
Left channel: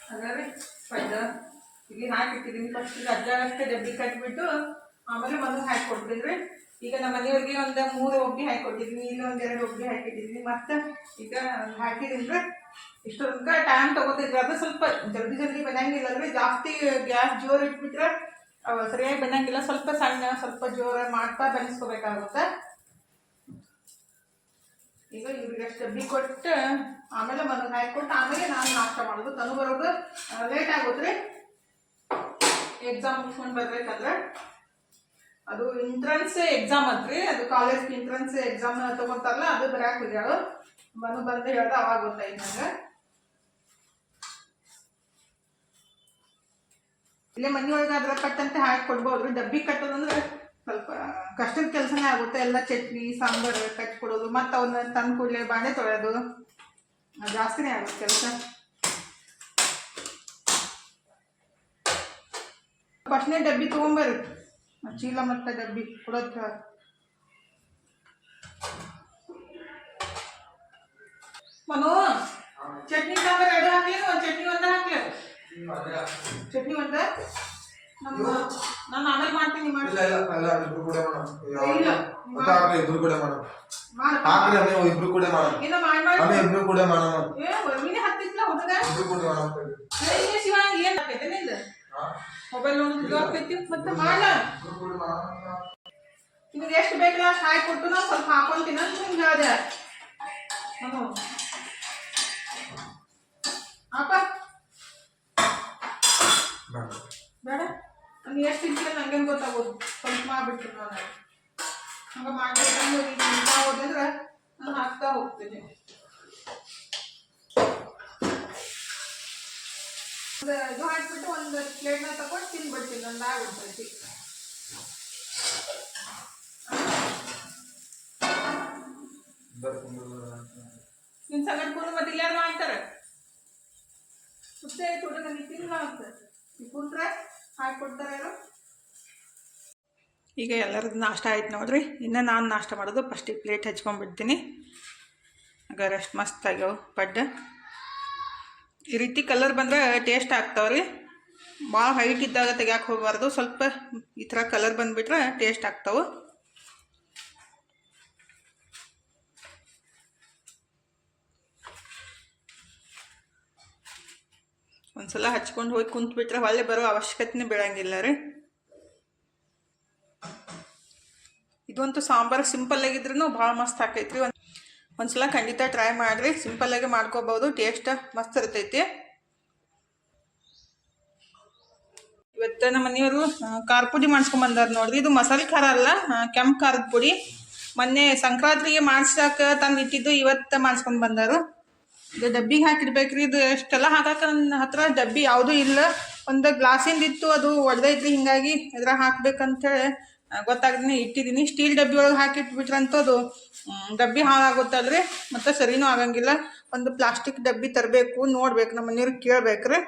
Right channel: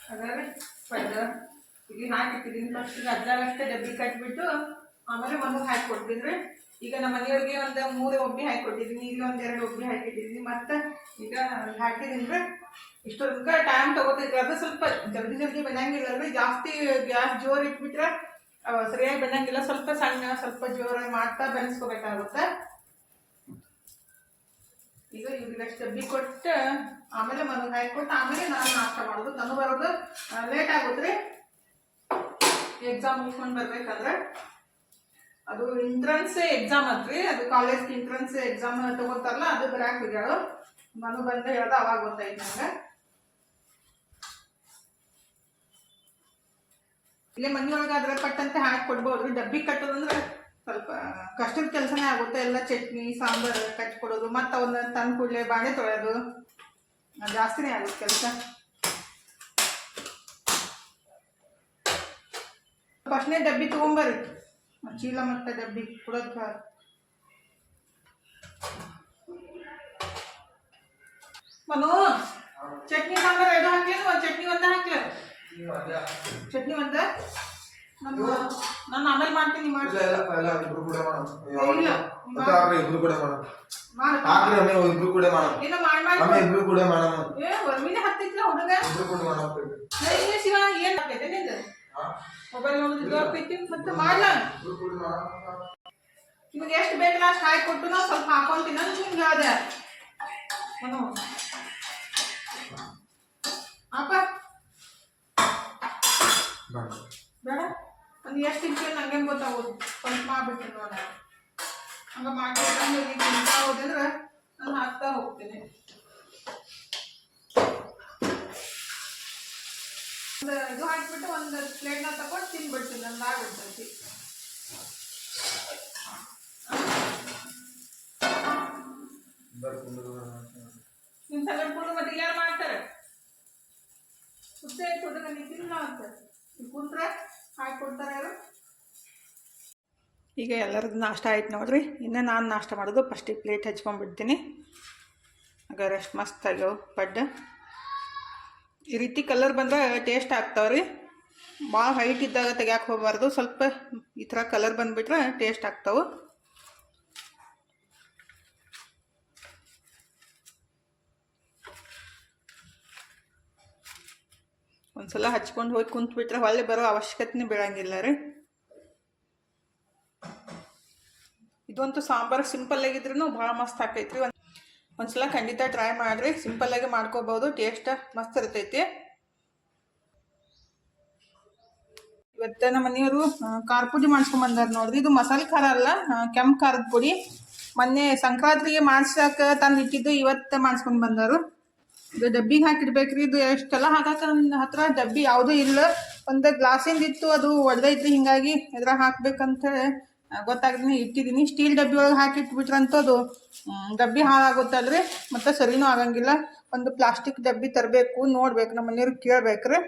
ಹಾಗಾದ್ರೆ ಪಡ್ಡ ಇಲ್ಲಿ ಹಾಕಿಟ್ಟಿದ್ದೀನಿ. ಫಸ್ಟ್ ಅಜ್ಜಾಗಷ್ಟೇ ಡಬ್ಬಿ ಕಟ್ಬಿಟ್ಟು ಆಮೇಲೆ ಮನು ಹಾಕಿ ಈಗ ನಮ್ಮ ಮನೆಯವ್ರಿಗೆ ಒಂದು ಮೂರು ಒಬ್ಬಿ ಹಾಕಿಕೊಟ್ಟಿದ್ದೀನಿ. ಇಲ್ಲಿ ಒಂದು ಎರಡು ಒಬ್ಬಿ ಹಾಕಿಟ್ಟಿದ್ದೀನಿ. ಮತ್ತು ಈಗ ಹಾಕಿದ್ರೆ ಇಷ್ಟೊಂದು ಟೈಮ್ ತೊಗೋತಿದ್ರೆ. ಅದು ಸ್ವಲ್ಪ ಜಲ್ದಿ ಜಲ್ದಿ ಬೆನಂಗಿಲ್ಲ ಅಂದರೆ ಜಾಸ್ತಿ ಗ್ಯಾಸ್ ಜೋರು ಇಟ್ಬಿಟ್ರೆ ಸರಿಯಾಗಿ ಬೆನಂಗಿಲ್ಲ ಸ್ವಲ್ಪ ಸಣ್ಣ, ಸ್ವಲ್ಪ ಜೋರ ಮಾಡ್ತಾ ಬೆಳೆಸ್ಕೋಬೇಕಾಗುತ್ತೆ ಈಗ ಇವ್ರಿಗೆ ಡಬ್ಬಿ ಕೊಟ್ಟು ಆಮೇಲೆ ಮನೆಗೆ ಹಾಕಿಕೊಟ್ಟು ಆಮೇಲೆ ನಾನು ನಾಷ್ಟ ಮಾಡೋದು. ತಂದು ಬರೋದು ಲೇಟ್ ಆಗುತ್ತೆ ಎಕ್ಸಾಮ್ ಮುಗಿಸ್ಕೊಂಡು ಬರ್ಬೇಕಂದ್ರೆ ಅದು ಎಂಟ್ರೆನ್ಸ್ ಎಕ್ಸಾಮ್ ಅದ್ರಿ. ಅದು ಕಾಲೇಜ್ ಇಂಟ್ರೆನ್ಸ್ ಎಕ್ಸಾಮ್ ತಗೋತಾರಲ್ಲ, ಅದು ಬರಾಕ್ ಹೋಗ್ಯಾಳು ಮನು ಬಂದ ಹೇಳ್ದ ಅವಾಗ ಗೊತ್ತಾಯ್ತು ನಂಗೆ. ಇಲ್ಲೇ ಮನೆಯೊಳಗಾದ್ರೆ ಕಟ್ಟಂತೆ ಹಾಕಿ ಕೊಡ್ಬೋದ್ರಿ. ಡಬ್ಬಿ ಕಟ್ಟೋದಂದ್ರೆ ಸ್ವಲ್ಪ ಕಷ್ಟದ ಕೆಲಸನೇ ಆಗುತ್ತೆ. ಎಲ್ಲ ಚಟ್ನಿ, ಸಾಂಬಾರು ಕಟ್ಟಿ ಕೊಡೋದು ಮತ್ತು ಅವನ್ನ ತಂದು ಕೂಡಲೇ ಬಾಣೆ ತೊಳೆಯೋದು. ಜಾಸ್ತಿನೇ ಆಗುತ್ತೆ ಕೆಲಸ. ಫಸ್ಟ್ನೇ ಡಬ್ಬಿ ತೊಗೊಂಬರ್ರಿ ಚೀಲ ಮತ್ತು ಡಬ್ಬಿ ಕೊಡೋದು ಮನು ಚಟ್ನಿ ಸಾಂಬಾರು ಎರಡು ಹಾಕ್ಲೇನು? ಒಂದು ಚಟ್ನಿ ಒಂದ ಹಾಕ್ಲಿ ಚಟ್ನಿ ಒಂದ? ನಮ್ಮ ನಾನು ಆಮೇಲೆ ಮಾಡ್ತೀನಿ ಮಾಡಿ. ಇಬ್ರು ಕೂಡ ಇಲ್ಲ. ಇಬ್ರು ಕೂಡ ಮಾಡೋಣ. ಮಾಡಿ ಹಾಕ್ರಿ ಇಬ್ರು ಕೂಡ ಮಾಡೋಣ. ಇನ್ನ ಮಾಡಿ ಮಾಡಿ ಆಮೇಲೆ ಇಬ್ರು ಕೂಡ ಮಾಡೋಣ. ಏ ಒಮ್ಮಿನೇ ಹತ್ತಿತ್ಲ ಹುಡುಗ? ಇಬ್ರು ಕೂಡ ಮಾಡೋಣ ಏ ಶಿವ ಏನ್ ಹಾಕೈತೆ ನಿಂದ? ಮೊಬೈಲ್ ನೋಡೋದು ಜೋರ್ಕೈತಿ ಮತ್ತೆ ಮಾಡ್ಲ ನಿಮ್ಗೆ ಎಷ್ಟು ಬೇಕಲ್ಲ ಅಷ್ಟು ಹಾಕಿ ಕೊಟ್ಟು ನಾವು ಸ್ವಲ್ಪ ಹಾಕೊಂತೀನಿ ಅಂತ ನಿಮ್ಗೆ ಹೇಳ್ದೆ. ಅಪ್ಪ. ಬೇಡ. ನಾನು ಎಷ್ಟು ತಿಂತೀನಿ ನಂಗೆ ಗೊತ್ತಾಗೋದು. ಸ್ವಲ್ಪ ಮಾಡ್ಬಿಡ್ತೀನಿ ನಾನು. ಹಂಗೆ ಮಾಡ್ಬೇಕಂದ್ರೆ ತಿಂತಾ ನಾನು ಹಾಕ್ತಾ ಹೋಗ್ತೀನಿ. ಇದು ಹಾಕ್ಬಿಟ್ಟು ಒಂದು ಪ್ಲೇಟ್ನ ತಗೊಂಡು ತಿನ್ಬಿಡ್ತೀನಿ ಒಂದು ಆಗ್ಬಿಡ್ತೈತಿ ನಿನ್ನ ಸಂಗಡ ಕೂರು ಮತ್ತೆ ಯಾರು ಮಾಡ್ತಾರೆ? ಹುಚ್ಚ ಹುಡುಗ ನನಗೆ ಅಂತ ನೀವು ಕುಂತ್ರೆ ಹಾಕಿ ಕೊಡ್ತಾರೆ ಯಾರು? ಈಗ ಎಲ್ಲರದ್ದು ನಾಷ್ಟ ಆಯ್ತು ನೋಡ್ರಿ. ಇನ್ನು ನಾನು ನಾಷ್ಟ ಮಾಡೋದು ಫಸ್ಟಿಗೆ ಪ್ಲೇಟ್ ಹಚ್ಕೊಂಡ್ಬಿಡ್ತೀನಿ. ಆಗ ರೆಸ್ಟ್ ಮಸ್ತ್ ಆಗ್ಯಾವ ಪಡ್ಡ. ಈ ರೀತಿ ಕಲರ್ ಬಂದ್ರೆ ಟೇಸ್ಟ್ ಆಗ್ತಾವ್ರಿ. ಭಾಳ ಹೈಟ್ ಇದ್ದಾಗ ತೆಗಿಯಕ್ಕೆ ಹೋಗಬಾರ್ದು. ಸ್ವಲ್ಪ ಈ ಥರ ಕಲರ್ ಬಂದುಬಿಟ್ರೆ ಟೇಸ್ಟ್ ಆಗ್ತಾವೆ. ಒಂದ್ಸಲ ಹಚ್ಕೊಂಡು ಹೋಗಿ ಕುಂತ್ಬಿಟ್ರೆ ಹೊಳ್ಳಿ ಬರೋ ಅವಶ್ಯಕತೆನೇ ಬೀಳಂಗಿಲ್ಲ ರೀ. ಇದಂತೂ ಸಾಂಬಾರು ಸಿಂಪಲ್ ಆಗಿದ್ರೂ ಭಾಳ ಮಸ್ತ್ ಆಕೈತ್ರಿ. ಒಂದು ಒಂದ್ಸಲ ಖಂಡಿತ ಟ್ರೈ ಮಾಡಿರಿ. ಸಿಂಪಲ್ಲಾಗಿ ಮಾಡ್ಕೋಬೋದು. ಟೇಸ್ಟ್ ಮಸ್ತ್ ಇರ್ತೈತಿ. ಇವತ್ತು ನಮ್ಮ ಮನೆಯವರು ಖಾರ ಪುಡಿ ಮಾಡಿಸ್ಕೊಂಬಂದಾರ ನೋಡ್ರಿ. ಇದು ಮಸಾಲೆ ಖಾರ ಅಲ್ಲ ಕೆಂಪು ಖಾರದ ಪುಡಿ. ಮೊನ್ನೆ ಸಂಕ್ರಾಂತಿಗೆ ಮಾಡ್ಸಾಕ ತಂದು ಇಟ್ಟಿದ್ದು, ಇವತ್ತು ಮಾಡಿಸ್ಕೊಂಡು ಬಂದರು. ಇದು ಡಬ್ಬಿಗೆ ಹಾಕಿಡ್ಬೇಕ್ರಿ. ಇದು ಎಷ್ಟೆಲ್ಲ ಹಾಕಾಕ ನನ್ನ ಹತ್ರ ಡಬ್ಬಿ ಯಾವುದೂ ಇಲ್ಲ. ಒಂದು ಗ್ಲಾಸಿಂದ ಇತ್ತು, ಅದು ಒಡೆದೈತ್ರಿ. ಹಿಂಗಾಗಿ ಇದ್ರಾಗ ಹಾಕ್ಬೇಕಂತೇಳಿ ಗೊತ್ತಾಗ್ದೇ ಇಟ್ಟಿದ್ದೀನಿ ಸ್ಟೀಲ್ ಡಬ್ಬಿ ಒಳಗೆ ಹಾಕಿಟ್ಬಿಟ್ರಂತೂ ಅದು ಡಬ್ಬಿ ಹಾಳಾಗುತ್ತಲ್ರಿ ಮತ್ತು ಸರಿನೂ ಆಗಂಗಿಲ್ಲ. ಒಂದು ಪ್ಲಾಸ್ಟಿಕ್ ಡಬ್ಬಿ ತರಬೇಕು, ನೋಡ್ಬೇಕು, ನಮ್ಮ ಮನೆಯವ್ರಿಗೆ ಕೇಳ್ಬೇಕ್ರಿ.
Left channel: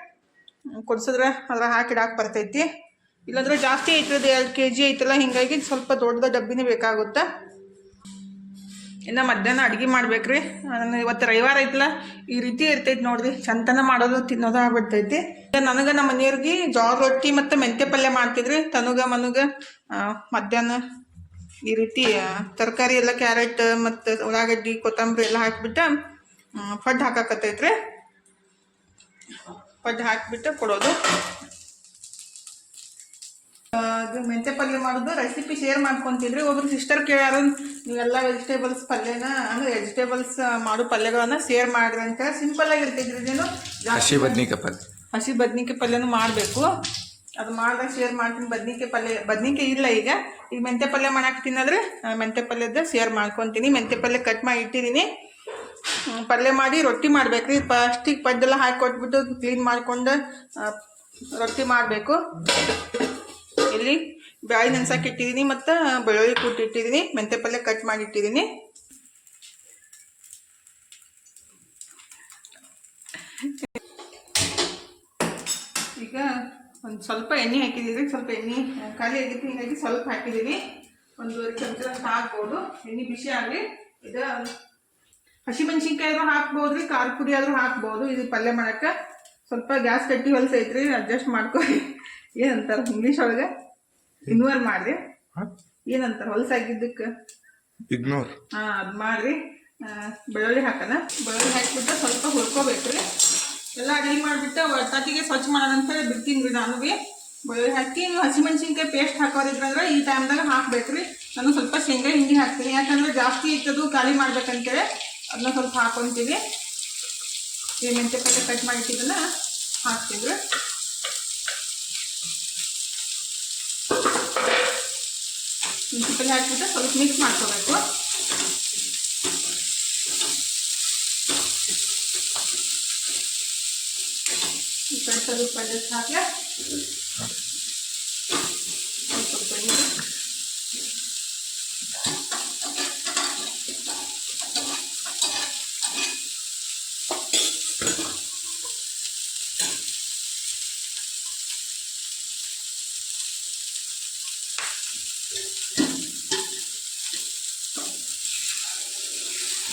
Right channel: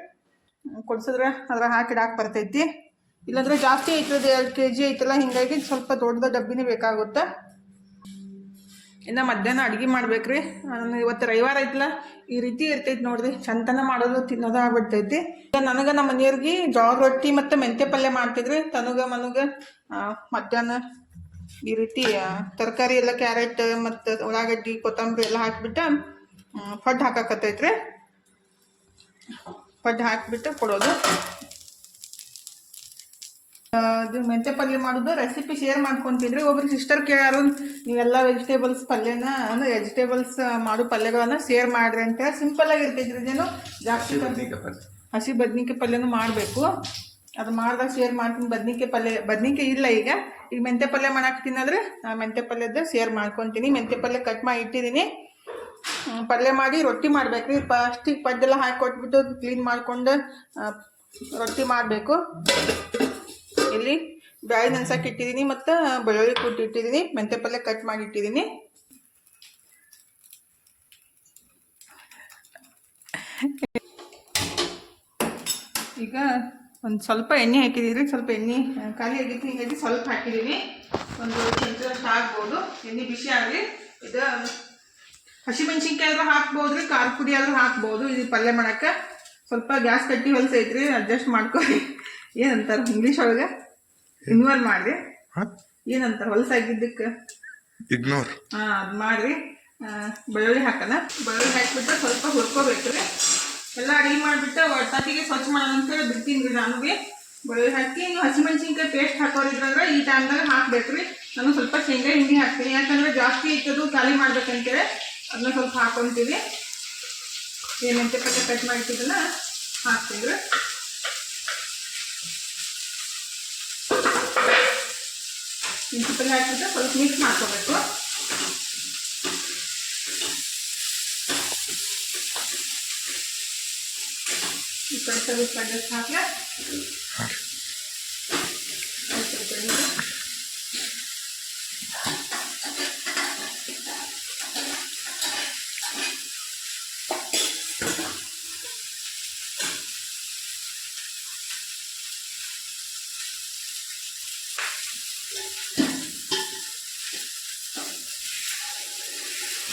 ಕೊಡ್ಸಿದ್ರೆ ಅದ್ರ ಹಾಕಿಡಾಕ್ ಬರ್ತೈತಿ. ಇಲ್ಲಾಂದ್ರೆ ಜಾಸ್ತಿ ಐತ್ರದ ಎರಡು ಕೆ ಜಿ ಐತಲ್ಲ, ಹಿಂಗಾಗಿ ಸ್ವಲ್ಪ ದೊಡ್ಡದ ಡಬ್ಬಿನೇ ಬೇಕಾಗುತ್ತೆ. ಇನ್ನು ಮಧ್ಯಾಹ್ನ ಅಡುಗೆ ಮಾಡ್ಬೇಕ್ರಿ. ನಾನು ಇವತ್ತು ರವಿವಾರ ಐತಲ್ಲ ಈ ರೀತಿ ಇರ್ತೈತಿ ನೋಡ್ರಿ. ಚಂತನ ಮಾಡೋದು ತಿನ್ನೋದು ಆಗ್ಬಿಡ್ತೈತಿ. ಈಗ ನನಗೆ ನಮ್ಮ ಮನೆಯವ್ರಿಗೆ ಜೋಳ ರೊಟ್ಟಿ ಮತ್ತು ಮೆಂತ್ಯ ಪಲ್ಯ ಮಾಡ್ತಿದ್ರಿ. ತನುಗ, ಮನಗ ಮಧ್ಯಾಹ್ನ ಈ ರೀತಿ ತರಕಾರಿ ಎಲ್ಲ ಕ್ಯಾರೆಟ್ ಮತ್ತು ಉಳ್ಳಾಗಡ್ಡಿ, ಕೊತ್ತಂಬರಿ ಎಲ್ಲ ಹಾಕಿಬಿಟ್ಟು ಪಡ್ಡು ಹಾಕಾಕತ್ತೈತ್ರಿ. ಪಡ್ಡು ಹಾಕಿಬಿಟ್ಟು ಕೊಡೋದು. ಇದು ಮೆಂತ್ಯ ಪಲ್ಯ ಮಾಡೋದು ರೆಸಿಪಿ ಶೇರ್ ಮಾಡ್ಕೊತಿದ್ರಿ. ಒಬ್ರು ಸಿಸ್ಟರ್ ಕೇಳ್ಯಾರ ನೀವೆಲ್ಲ ವೆಜಿಟೇಬಲ್ಸ್ ಪಲ್ಯನ ಅಂದ್ರೆ ವೆಜಿಟೇಬಲ್ಸ್ ಮಾಡೋ ಪಲ್ಯಗಳನ್ನ ಶೇರ್ ಮಾಡ್ರಿ ಅಂತ ಸಿಂಪಲ್ ಆಗಿರ್ತೈತ್ರಿ ಇದೇನು. ಜಾಸ್ತಿ ಬದ್ನಿಕಾಯಿ ಪಲ್ಯ. ಹಸಿ ಬದ್ನಿಕಾಯಿ ಪಲ್ಯನೂ ಮಾಡಬೇಕು. ಅದು ಮಾಡಿದಾಗ ಶೇರ್ ಮಾಡ್ತೀನಿ. ಬದ್ನಿಕಾಯಿ ಪಲ್ಯ ಬದ್ನಿಕಾಯಿ ಇಲ್ಲ ಈಗ. ಈಗ ಮೆಂತ್ಯ ಪಲ್ಯ ಮಾಡಾಕ್ತೀನಂದ್ರೆ ಮೆಂತ್ಯ ಪಲ್ಯದ ಶೇರ್ ಮಾಡ್ಕೊತೀನಿ. ಮೆಂತ್ಯ ಪಲ್ಯ ಕಟ್ ಮಾಡಿ ಇಟ್ಟಿದ್ದೀನಿ ಪಲ್ಯ ಮಾಡಿ ರೊಟ್ಟಿ ಮಾಡ್ಬೇಕ್ರಿ. ಫಸ್ಟಿಗೆ ಪಡ್ಡೆಲ್ಲ ಹಾಕಿ ಕೊಟ್ಬಿಟ್ಟು ಕ್ಲೀನ್ ಮಾಡಿಕೊಂಡು ರೊಟ್ಟಿ ಮಾಡಬೇಕು. ಇಲ್ಲಿ ಬ್ಯಾಳಿ ನೆನ್ಸಕ್ಕೆ ಇಟ್ಟಿದ್ದೀನಿ ಮತ್ತು ಬೆಳ್ಳುಳ್ಳಿ ಕೂಟ್ ಇಟ್ಟಿದ್ದೀನಿ ಮೆಂತ್ಯ ಪಲ್ಯ ಕಟ್ ಮಾಡಿ ಇಟ್ಟಿದ್ದೀನಿ ಈಗ ಒಂದು ಸ್ವಲ್ಪ ಎಣ್ಣೆ ಹಾಕಿದ್ದೀನಿ ಸ್ವಲ್ಪ ಎಣ್ಣೆ ಖಾಲಿ ಆಗೈತಿ ಹೀಗಾಗಿ ಸ್ವಲ್ಪ ಹಾಕಿದ್ದೀನಿ ಒಂದು ಚಮಚ ಹಾಕ್ಬೋದು. ಎಣ್ಣೆ ಬಿಸಿ ಆಗಲಿ, ಇದು ಹಸಿಮೆಣ್ಸಿನ್ಕಾಯಿ ಆದರೂ ಹಾಕ್ಬೋದು ರೀ ಖಾರ ಪುಡಿ ಆದರೂ ಹಾಕ್ಬೋದು. ಇದು ಪಲ್ಯ ಮಾಡೋಕ್ಕೆ ಸ್ವಲ್ಪ ಗ್ಯಾಸ್ ಕಟ್ಟಿ ಹೊಲಸೈತ್ರಿ, ಅಡ್ಜಸ್ಟ್ ಮಾಡ್ಕೊರಿ ಏನಂತಾರೆ? ಇಂಗ್ಲೀಷ್ ಒಳಗೆ? ಇನ್ವಾಲ್ವ್ ಮಾಡಿರಿ. ಏನಂತಾರ? ಹೊಲಸಾಗಿದ್ದಕ್ಕೆ? ಇಗ್ನೋರ್ ಹಾಂ ಅದು ಮಾಡ್ರಿ. ಬೆಳ್ಳುಳ್ಳಿ ಹಾಕೋಣ ಬೆಳ್ಳುಳ್ಳಿ ಹಾಕಿಬಿಟ್ಟು ಸ್ವಲ್ಪ ಹುರ್ಕೋಬೇಕು ರೀ ಎಲ್ಲ ಅಡುಗೆ ಮಾಡಿಬಿಟ್ಟು ಒಟ್ಟಾತಿಗೆ ಸ್ವಚ್ಛ ಮಾಡೋಣ ಅಂತ ಹೇಳಿ ಬಿಡ್ತೀನಿ ರೀ ನಾನು ಭೀ ಬೆಳ್ಳುಳ್ಳಿ ಹಾಕಿ ನೀವು ಹಸಿಮೆಣ್ಸಿನ್ಕಾಯಿ ಪೇಸ್ಟ್ ಹಾಕೋರಿದ್ರಂದ್ರೆ ಈ ಟೈಮ್ದಾಗ ಹಾಕ್ಬೇಕು ರೀ ನಾನು ಸ್ವಲ್ಪ ಶೇಂಗಾ ಹಿಂಡಿ ಹಾಕ್ತೀನಿ. ಯಾಕಂದ್ರೆ ಜಾಸ್ತಿ ಇತ್ತದು ಖಾಲಿ ಮಾಡ್ಬೇಕಂತೇಳಿ ಅದನ್ನ ಸ್ವಲ್ಪ ಹಾಕೊತೀವಿ. ಮೆಂತ್ಯ ಪಲ್ಯ ಕಟ್ ಮಾಡಿಟ್ಟಿದ್ದನ್ನ ಹಾಕ್ತೀವಿ ಮೆಂತ್ಯ ಪಲ್ಯ ಸ್ವಲ್ಪ ಮಿಕ್ಸ್ ಮಾಡ್ಕೋಬೇಕು. ಈ ಕಡೆ ಸ್ವಲ್ಪ ಹಾಕ್ಲಾ ಸ್ವಲ್ಪ ಎಣ್ಣೆ.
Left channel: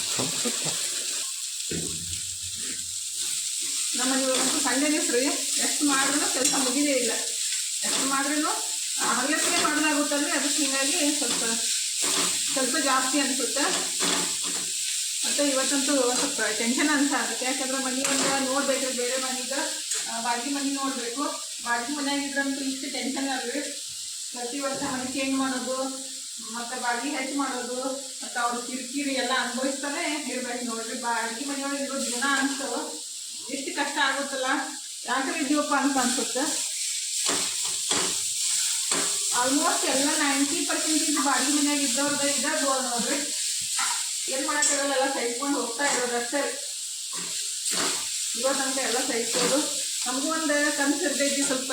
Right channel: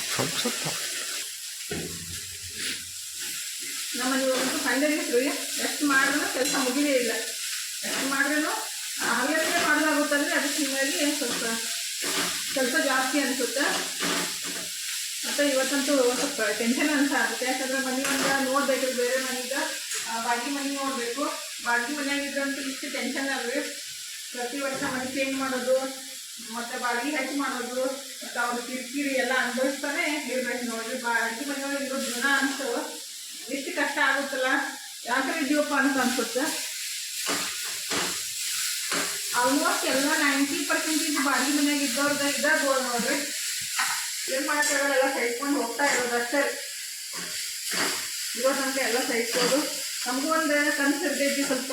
ಸ್ವಲ್ಪ ಸ್ವಲ್ಪ ನಮ್ಮ ಮನೆಯವ್ರಂತೂ ಸಂಡೇ ದಿವಸ ರೀ ಎಷ್ಟು ಮಾಡಿದ್ರು ಕೆಲಸ ಮುಗಿದೇ ಇಲ್ಲ ಎಷ್ಟು ಮಾಡಿದ್ರು ಹಗಲತ್ತಿಗೆ ಮಾಡೋದಾಗುತ್ತಂದ್ರೆ ಅದಕ್ಕೆ ಸ್ವಲ್ಪ ಕೆಲಸ ಜಾಸ್ತಿ ಅನಿಸುತ್ತೆ. ಮತ್ತು ಇವತ್ತಂತೂ ಸ್ವಲ್ಪ ಟೆನ್ಷನ್ ಅಂತ ಆಗುತ್ತೆ. ಯಾಕಂದ್ರೆ ಮನೆಯಿಂದ ನೋಡ್ಬೇಕು, ಬೇರೆ ಮನೆಯಿಂದ ಬಾಕಿ ಮನೆ ನೋಡಬೇಕು. ಬಾಗಿ ಮನೆಯಾಗಿದ್ರಂತೂ ಇಷ್ಟು ಟೆನ್ಷನ್ ಅಲ್ರಿ ಪ್ರತಿ ವರ್ಷ ಮನೆ ಚೇಂಜ್ ಮಾಡೋದು, ಮತ್ತು ಬಾಗಿ ಹೆಚ್ಚು ಮಾಡೋದು, ಮತ್ತು ಅವ್ರು ಕಿರಿಕಿರಿ ಎಲ್ಲ ಅನುಭವಿಸ್ತಾನೆ ಇರ್ಬೇಕು ನೋಡ್ರಿ. ಬಾಗಿ ಮನೆಯೊಳಗೆ ಇರೋ ಜನ ಅನ್ಸು ಎಷ್ಟು ಕಷ್ಟ ಆಗುತ್ತಲ್ಲ. ಯಾಕೆ ಇದೀವಪ್ಪ ಅಂತ ಅನ್ಸುತ್ತೆ. ಆಲ್ಮೋಸ್ಟ್ ಎಲ್ಲ ನೈಂಟಿ ಪರ್ಸೆಂಟೇಜ್ ಬಾಡಿ ಮನ್ಯಾಗ ಇದ್ದವ್ರದ ಇದ್ದಾಗ ನೋಡ್ರಿ. ಏನು ಮಾಡೋಕ್ಕಾಗಲ್ಲ, ಎಲ್ಲ ಸಹಿಸ್ಕೊಂಡು ಹೋಗ್ತಾ ಇರೋದು ಅಷ್ಟೇ. ಇರೋ ತನಕ ಎಲ್ಲ ಸಹಿಸ್ಬೋದು ನಮಗೂ ಒಂದು ಕನಸು ಇರ್ತೈತಿ ಸ್ವಲ್ಪ.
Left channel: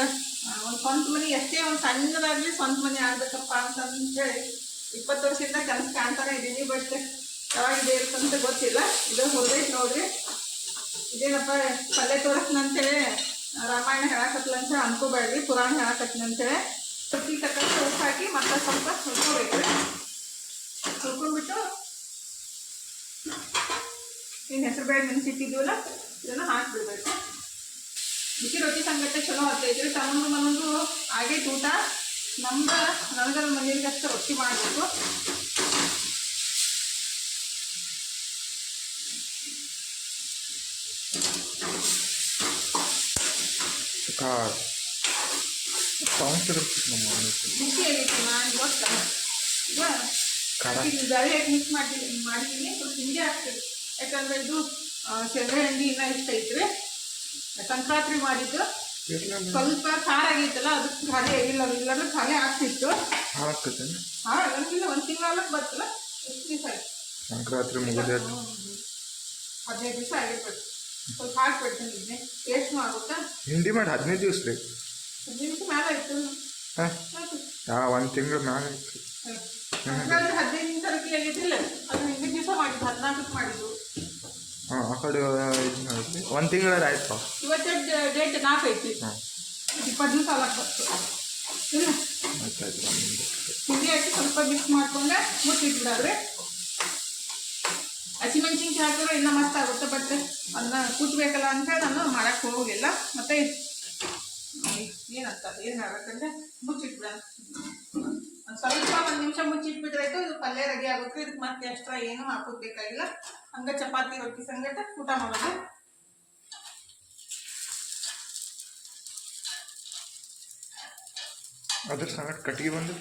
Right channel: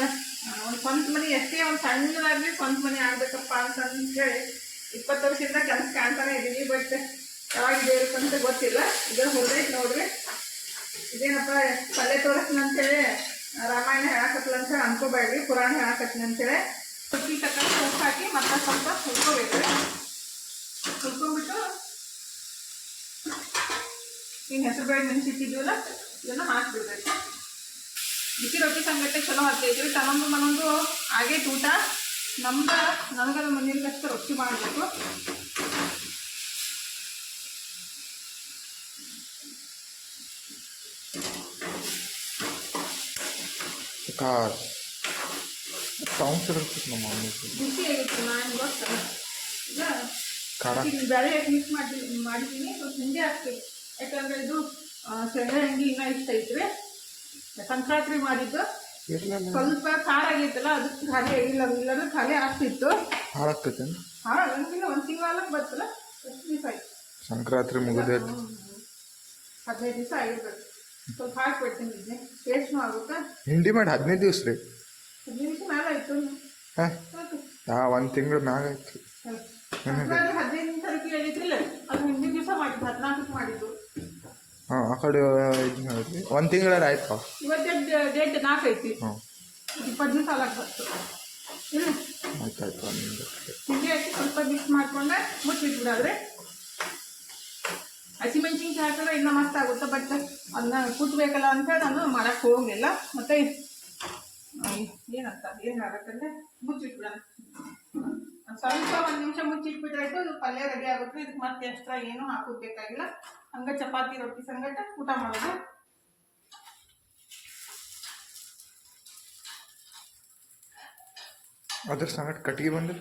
ಒಂದು ಸ್ವಂತ ಮನೆ, ಎಷ್ಟೇ ಒಂದು ಸಣ್ಣದಾಗಲಿ ಸ್ವಂತ ಮನೆ ಆಗ್ಬೇಕಪ್ಪ ಅಂತ ಹೇಳಿ ಇಪ್ಪತ್ತು ವರ್ಷದಿಂದ ಕನಸು ಕಾಣ್ತಾನೆ ಇದ್ದೀನಿ ಬಟ್ ಯಾವಾಗಿದೆ ಅಂತ ಗೊತ್ತಿಲ್ಲ. ಇದು ಹೊರದೈತೆ ನೋಡ್ರಿ. ಇದೇನಪ್ಪ ಪಲ್ಯ ತೋರಿಸ್ನ ಅಂತೇಳಿ ರಾಮಾಯಣ ಹೇಳಕತ್ಲ ಅಂತ ಹೇಳಿ ಅನ್ಕೋಬೇಡ್ರಿ, ಪುರಾಣ ಹೇಳಕತ್ತೀನಿ ಅಂತೇಳಿ ಸುಕ್ಕಿ ತಕ್ಕ ಸೊಪ್ಪು ಹಾಕಿ ಮತ್ತೆ ಸ್ವಲ್ಪ ಹುರ್ಕೋಬೇಕು ಹುರ್ಕೊಂಡ್ಬಿಟ್ಟು ಇನ್ನು ಹೆಸರು ಬೇಳೆ ನೆನೆಸಿಟ್ಟಿದ್ದೀವಲ್ಲ, ಇದನ್ನು ಹಾಕ್ಬಿಡ್ಬೇಕು. ಬಿಸಿ ರೊಟ್ಟಿ ಸಂಗಟ್ಟೆ ಚಲೋ ಹತ್ತೈತಿ ತಗೊಂಡು ಮನೊಂದು ಹಾಗೆ ಊಟ ನಮ್ದು ನಮ್ಗೆ ನಮ್ಮ ಮನೆಯಲ್ಲಿ ಅಷ್ಟು ರೊಟ್ಟಿ ಮಾಡಬೇಕು. ಕಾರ್. ಸೌಂಡ್ಸ್ ಇರುತ್ತೆ ನಮ್ಮ ಖಾರ ಮಿಕ್ಸ್ ಸ್ವಲ್ಪ ಇದು ಇಷ್ಟ ಸಂಕ್ರಾಂತಿ ಮಾಡಿದ್ದು ಸ್ವಲ್ಪ ಖಾರ ಆಗೈತಲ್ಲ ಅದು ಖಾಲಿ ಆಗಿಲ್ಲ ಇಲ್ಲಾಂದ್ರೆ ಖಾಲಿ ಆಗ್ತಿತ್ತು ಹಾಳಾಗ್ತದೆ ಹಾಂ ಆಗಂಗಿಲ್ಲ ಒಂದು ತಿಂಗಳಕ್ಕೆ ಬರ್ತಲ್ಲ ಎಷ್ಟು ದಿವಸ ಆಯ್ತು ಸಂಕ್ರಾಂತಿ ಮುಗಿದ ಹದಿನೈದು ದಿವಸ ಆಗಿರ್ಬೇಕು ಸ್ವಲ್ಪ ಹಾಕ್ಬಿಡ್ತೀನಿ ಇದನ್ನೇ ಆಗುತ್ತೆ ಹಿಂಡಿ ಮಾಡಿ ಹದಿನೈದು ದಿವಸ ರೀ ಹಾಂ? ಒಂದು ತಿಂಗಳು ಮ್ಯಾಗ ಆಯ್ತು. ಹಾಂ ಆ ಕಡೆ ಇದು ಮಾಡಿದ್ವಿ. ಒಂದು ತಿಂಗಳ ಆಯ್ತು. ಡೇಟ್ ನಾಲ್ಕು ಐತಿ. ಹಾಂ. ಇಪ್ಪತ್ತು ದಿವಸ ಆಗಕ್ಕೆ ಇಲ್ಲ. ಆಯ್ತು ಆಯ್ತು ಒಂದು ಹಿಂಡಿ ಹಾಕಿ ಸ್ವಲ್ಪ ಮಿಕ್ಸ್ ಮಾಡ್ಕೊಂಡೆ ಮುಚ್ಚಿಟ್ಬಿಡಾದ್ರೆ ಹಸಿಮೆಣ್ಸಿನ್ಕಾಯಿ ಹಾಕಿದ್ರೆ ಇನ್ನೂ ಮಸ್ತ್ ಆಗುತ್ತೆ ಬಟ್ ಅದನ್ನ ಕುಟ್ಬೇಕಲ್ಲ ಅಂತ ನಾನು ಮಾಡಕ್ಕೆ ಹೋಗಿಲ್ಲ. ಮತ್ತೆ ಏನಂತ ಏನಾಗತ್ತಂದ್ರೆ ಮುಚ್ಚಿಟ್ಬಿಡೋಣ ಒಂದು ಸ್ವಲ್ಪ ಒಂದು ನಿಮಿಷ ಮುಚ್ಚಿಟ್ಬಿಟ್ರಾಯ್ತು ಇದು ಪಲ್ಯ ರೆಡಿ ಆಗುತ್ತೆ. ಇದಕ್ಕೆ ಮತ್ತೆ ಎಕ್ಸ್ಟ್ರಾ ಏನೂ ಹಾಕೋದು ಬೇಕಾಗಿಲ್ಲ. ಹಂಗೆ ಚಪಾತಿ ರೊಟ್ಟಿ ಸಂಗಟ ಊಟ ಮಾಡೋದು. ಅದ್ರ ಸಂಗಟ ಕಟ್ಟಿಗೆ ಬಂದು?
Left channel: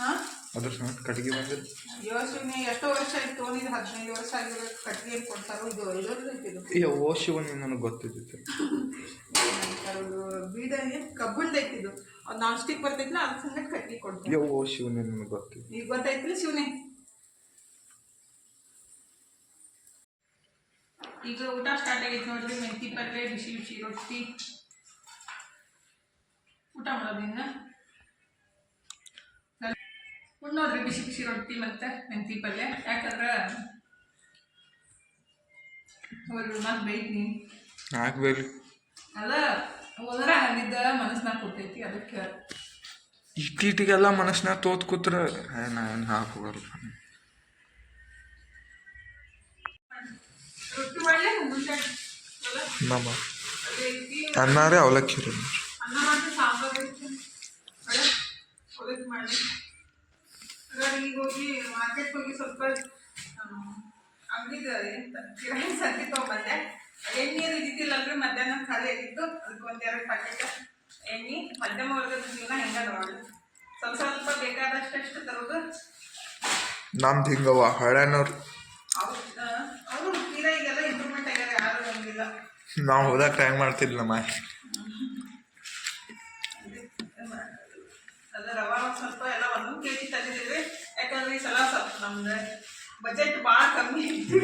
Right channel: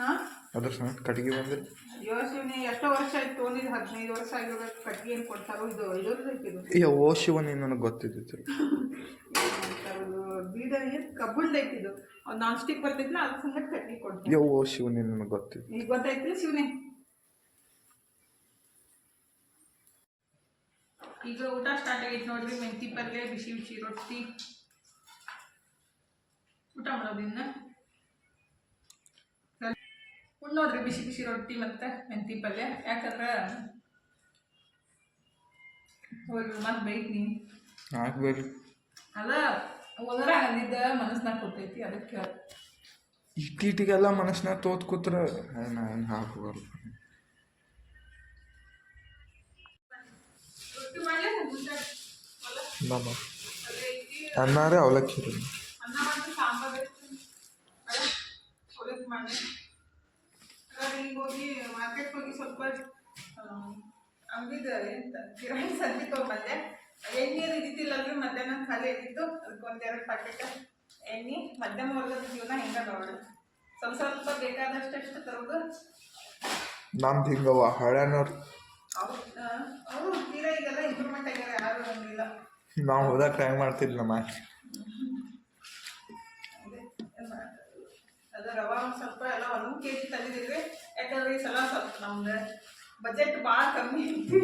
ಹಾಂ ಅದ್ರ ಸಮೇತ ಕಟ್ಟಿಗೆ ಬಂದಿದ್ದು ಯೋಚನೆ ಎಷ್ಟೋ ವರ್ಷ ಆಯ್ತು ತೊಗೊಂಡಿದ್ದು ಹದಿನೈದು ವರ್ಷ ಆಗಿರೋ ಕಟ್ಟಿಗೆ ಏನು ಕೊಡ್ತಾರೋ ಇದು ಇರೋದು ಇದು. ಅಯ್ಯೋ ಓ ಶಿವನಿ ನನಗೆ ಗೊತ್ತಿದ್ದಿತ್ತು. ಇದು ಬೀಡ ಏನು ಕಬ್ಬುಂಡ್ ಐತಿದು ಅದು ನಾನ್ ಸ್ಟಿಕ್ ಬರ್ತೈತಿಲ್ಲ ಅದ್ರ ಸಂಗಟ ಕಟ್ಟಿಗೆ ಕೊಡ್ತೀನಿ ಯೋ ಓ ಶಿವನಿ ನನಗೆ ಗೊತ್ತಿದ್ದು ಈಗ ಗೊತ್ತಾಯ್ತಿಲ್ಲ ಶಿವನೇ? ಈಗ ಊಟ ಸ್ಟಾರ್ಟ್ ಆಗೈತೆ ನೋಡ್ರಿ ಮೆಂತಿ ಪಲ್ಯ ಬಿಸಿ ಬಿಸಿ ರೊಟ್ಟಿ ಊಟ ಮಾಡೋದು ಇನ್ನು? ಉಣ್ಣೋದ್ರಿ ಬಿಸಿ ಬಿಸಿ ರೊಟ್ಟಿ ಮತ್ತೆ ಮೆಂತಿ ಪಲ್ಯ. ಯಾಕಂದ್ರೆ ಅವರು ಮತ್ತೆ ಬೈತೀನಿ ಹಾಕ್ಬೇಕು ಅದ ಹೋದ್ರ ಅಲ್ಲಿದ್ದ ಮನಸ್ನಾಗ ಕೊಟ್ಟೈತಿ ಅದಕ್ಕೆ. ಇಟ್ಟಿಗೆಲ್ಲ ಮನಸ್ನಾಗ ತೋತ್ ಕೂತ್ರ ನಾನು ಹಾಕೋಗಲ್ಲ ನಮ್ಮ ಅನ್ನಾರೇ ಅವಲಕ್ಕಿ ರೀ ಅಂಗಡಿಗೆ ಹೋಗಿ ಮಾರ್ಕೆಟ್ಗೆ ಹೋಗಿ ಸ್ವಲ್ಪ ಅಂಗಡಿದ ಎಂತ ಕಿರಾಣಿ ಸಂತಿ ತೊಗೊಂಬಂದೆ. ಎಣ್ಣೆರು ಇದ್ದಿದ್ದಿಲ್ಲ ಅಂದ್ರೆ ಮಧ್ಯಾಹ್ನ ಖಾಲಿ ಆಗಿತ್ತು. ಅದಕ್ಕೆ ಒಂದೆರಡು ಪ್ಯಾಕೆಟ್ ಎಣ್ಣೆ. ಮಧ್ಯಮ ವರ್ಗದ ಜೀವನ ಹೆಂಗೆ ನೋಡಿ. ಸ್ವಲ್ಪ ಸ್ವಲ್ಪ ಬೇಕಾದಷ್ಟು ತರೋದು. ನಮ್ದು ಹಿಂಗವ ಹಳೆನವ್ರು. ಅವರು ತೀರಾ ಈಗೆಲ್ಲ ಇಂಪ್ರೂವ್ಮೆಂಟ್ ಆಗ್ಯಾರ ಯಾರು ಬಂದಿಲ್ಲ ನಾವು ಹೋದಾಗ ಟ್ರೈ ಮಾಡ್ತಿದ್ಲ ನಮ್ಮ ಅದು ರವ ಒಂದು ಸ್ವಲ್ಪ ಎಲ್ಲ ಒಂದು ಕೆ ಜಿ ತಂದಿದ್ದೀವಿ ಯಾಕಂದ್ರೆ ಈ ಸಲ ಸ್ವಲ್ಪ ನಮ್ದು ಬಜೆಟ್ ಭಾಳ ಕಮ್ಮಿ ಐತಿ.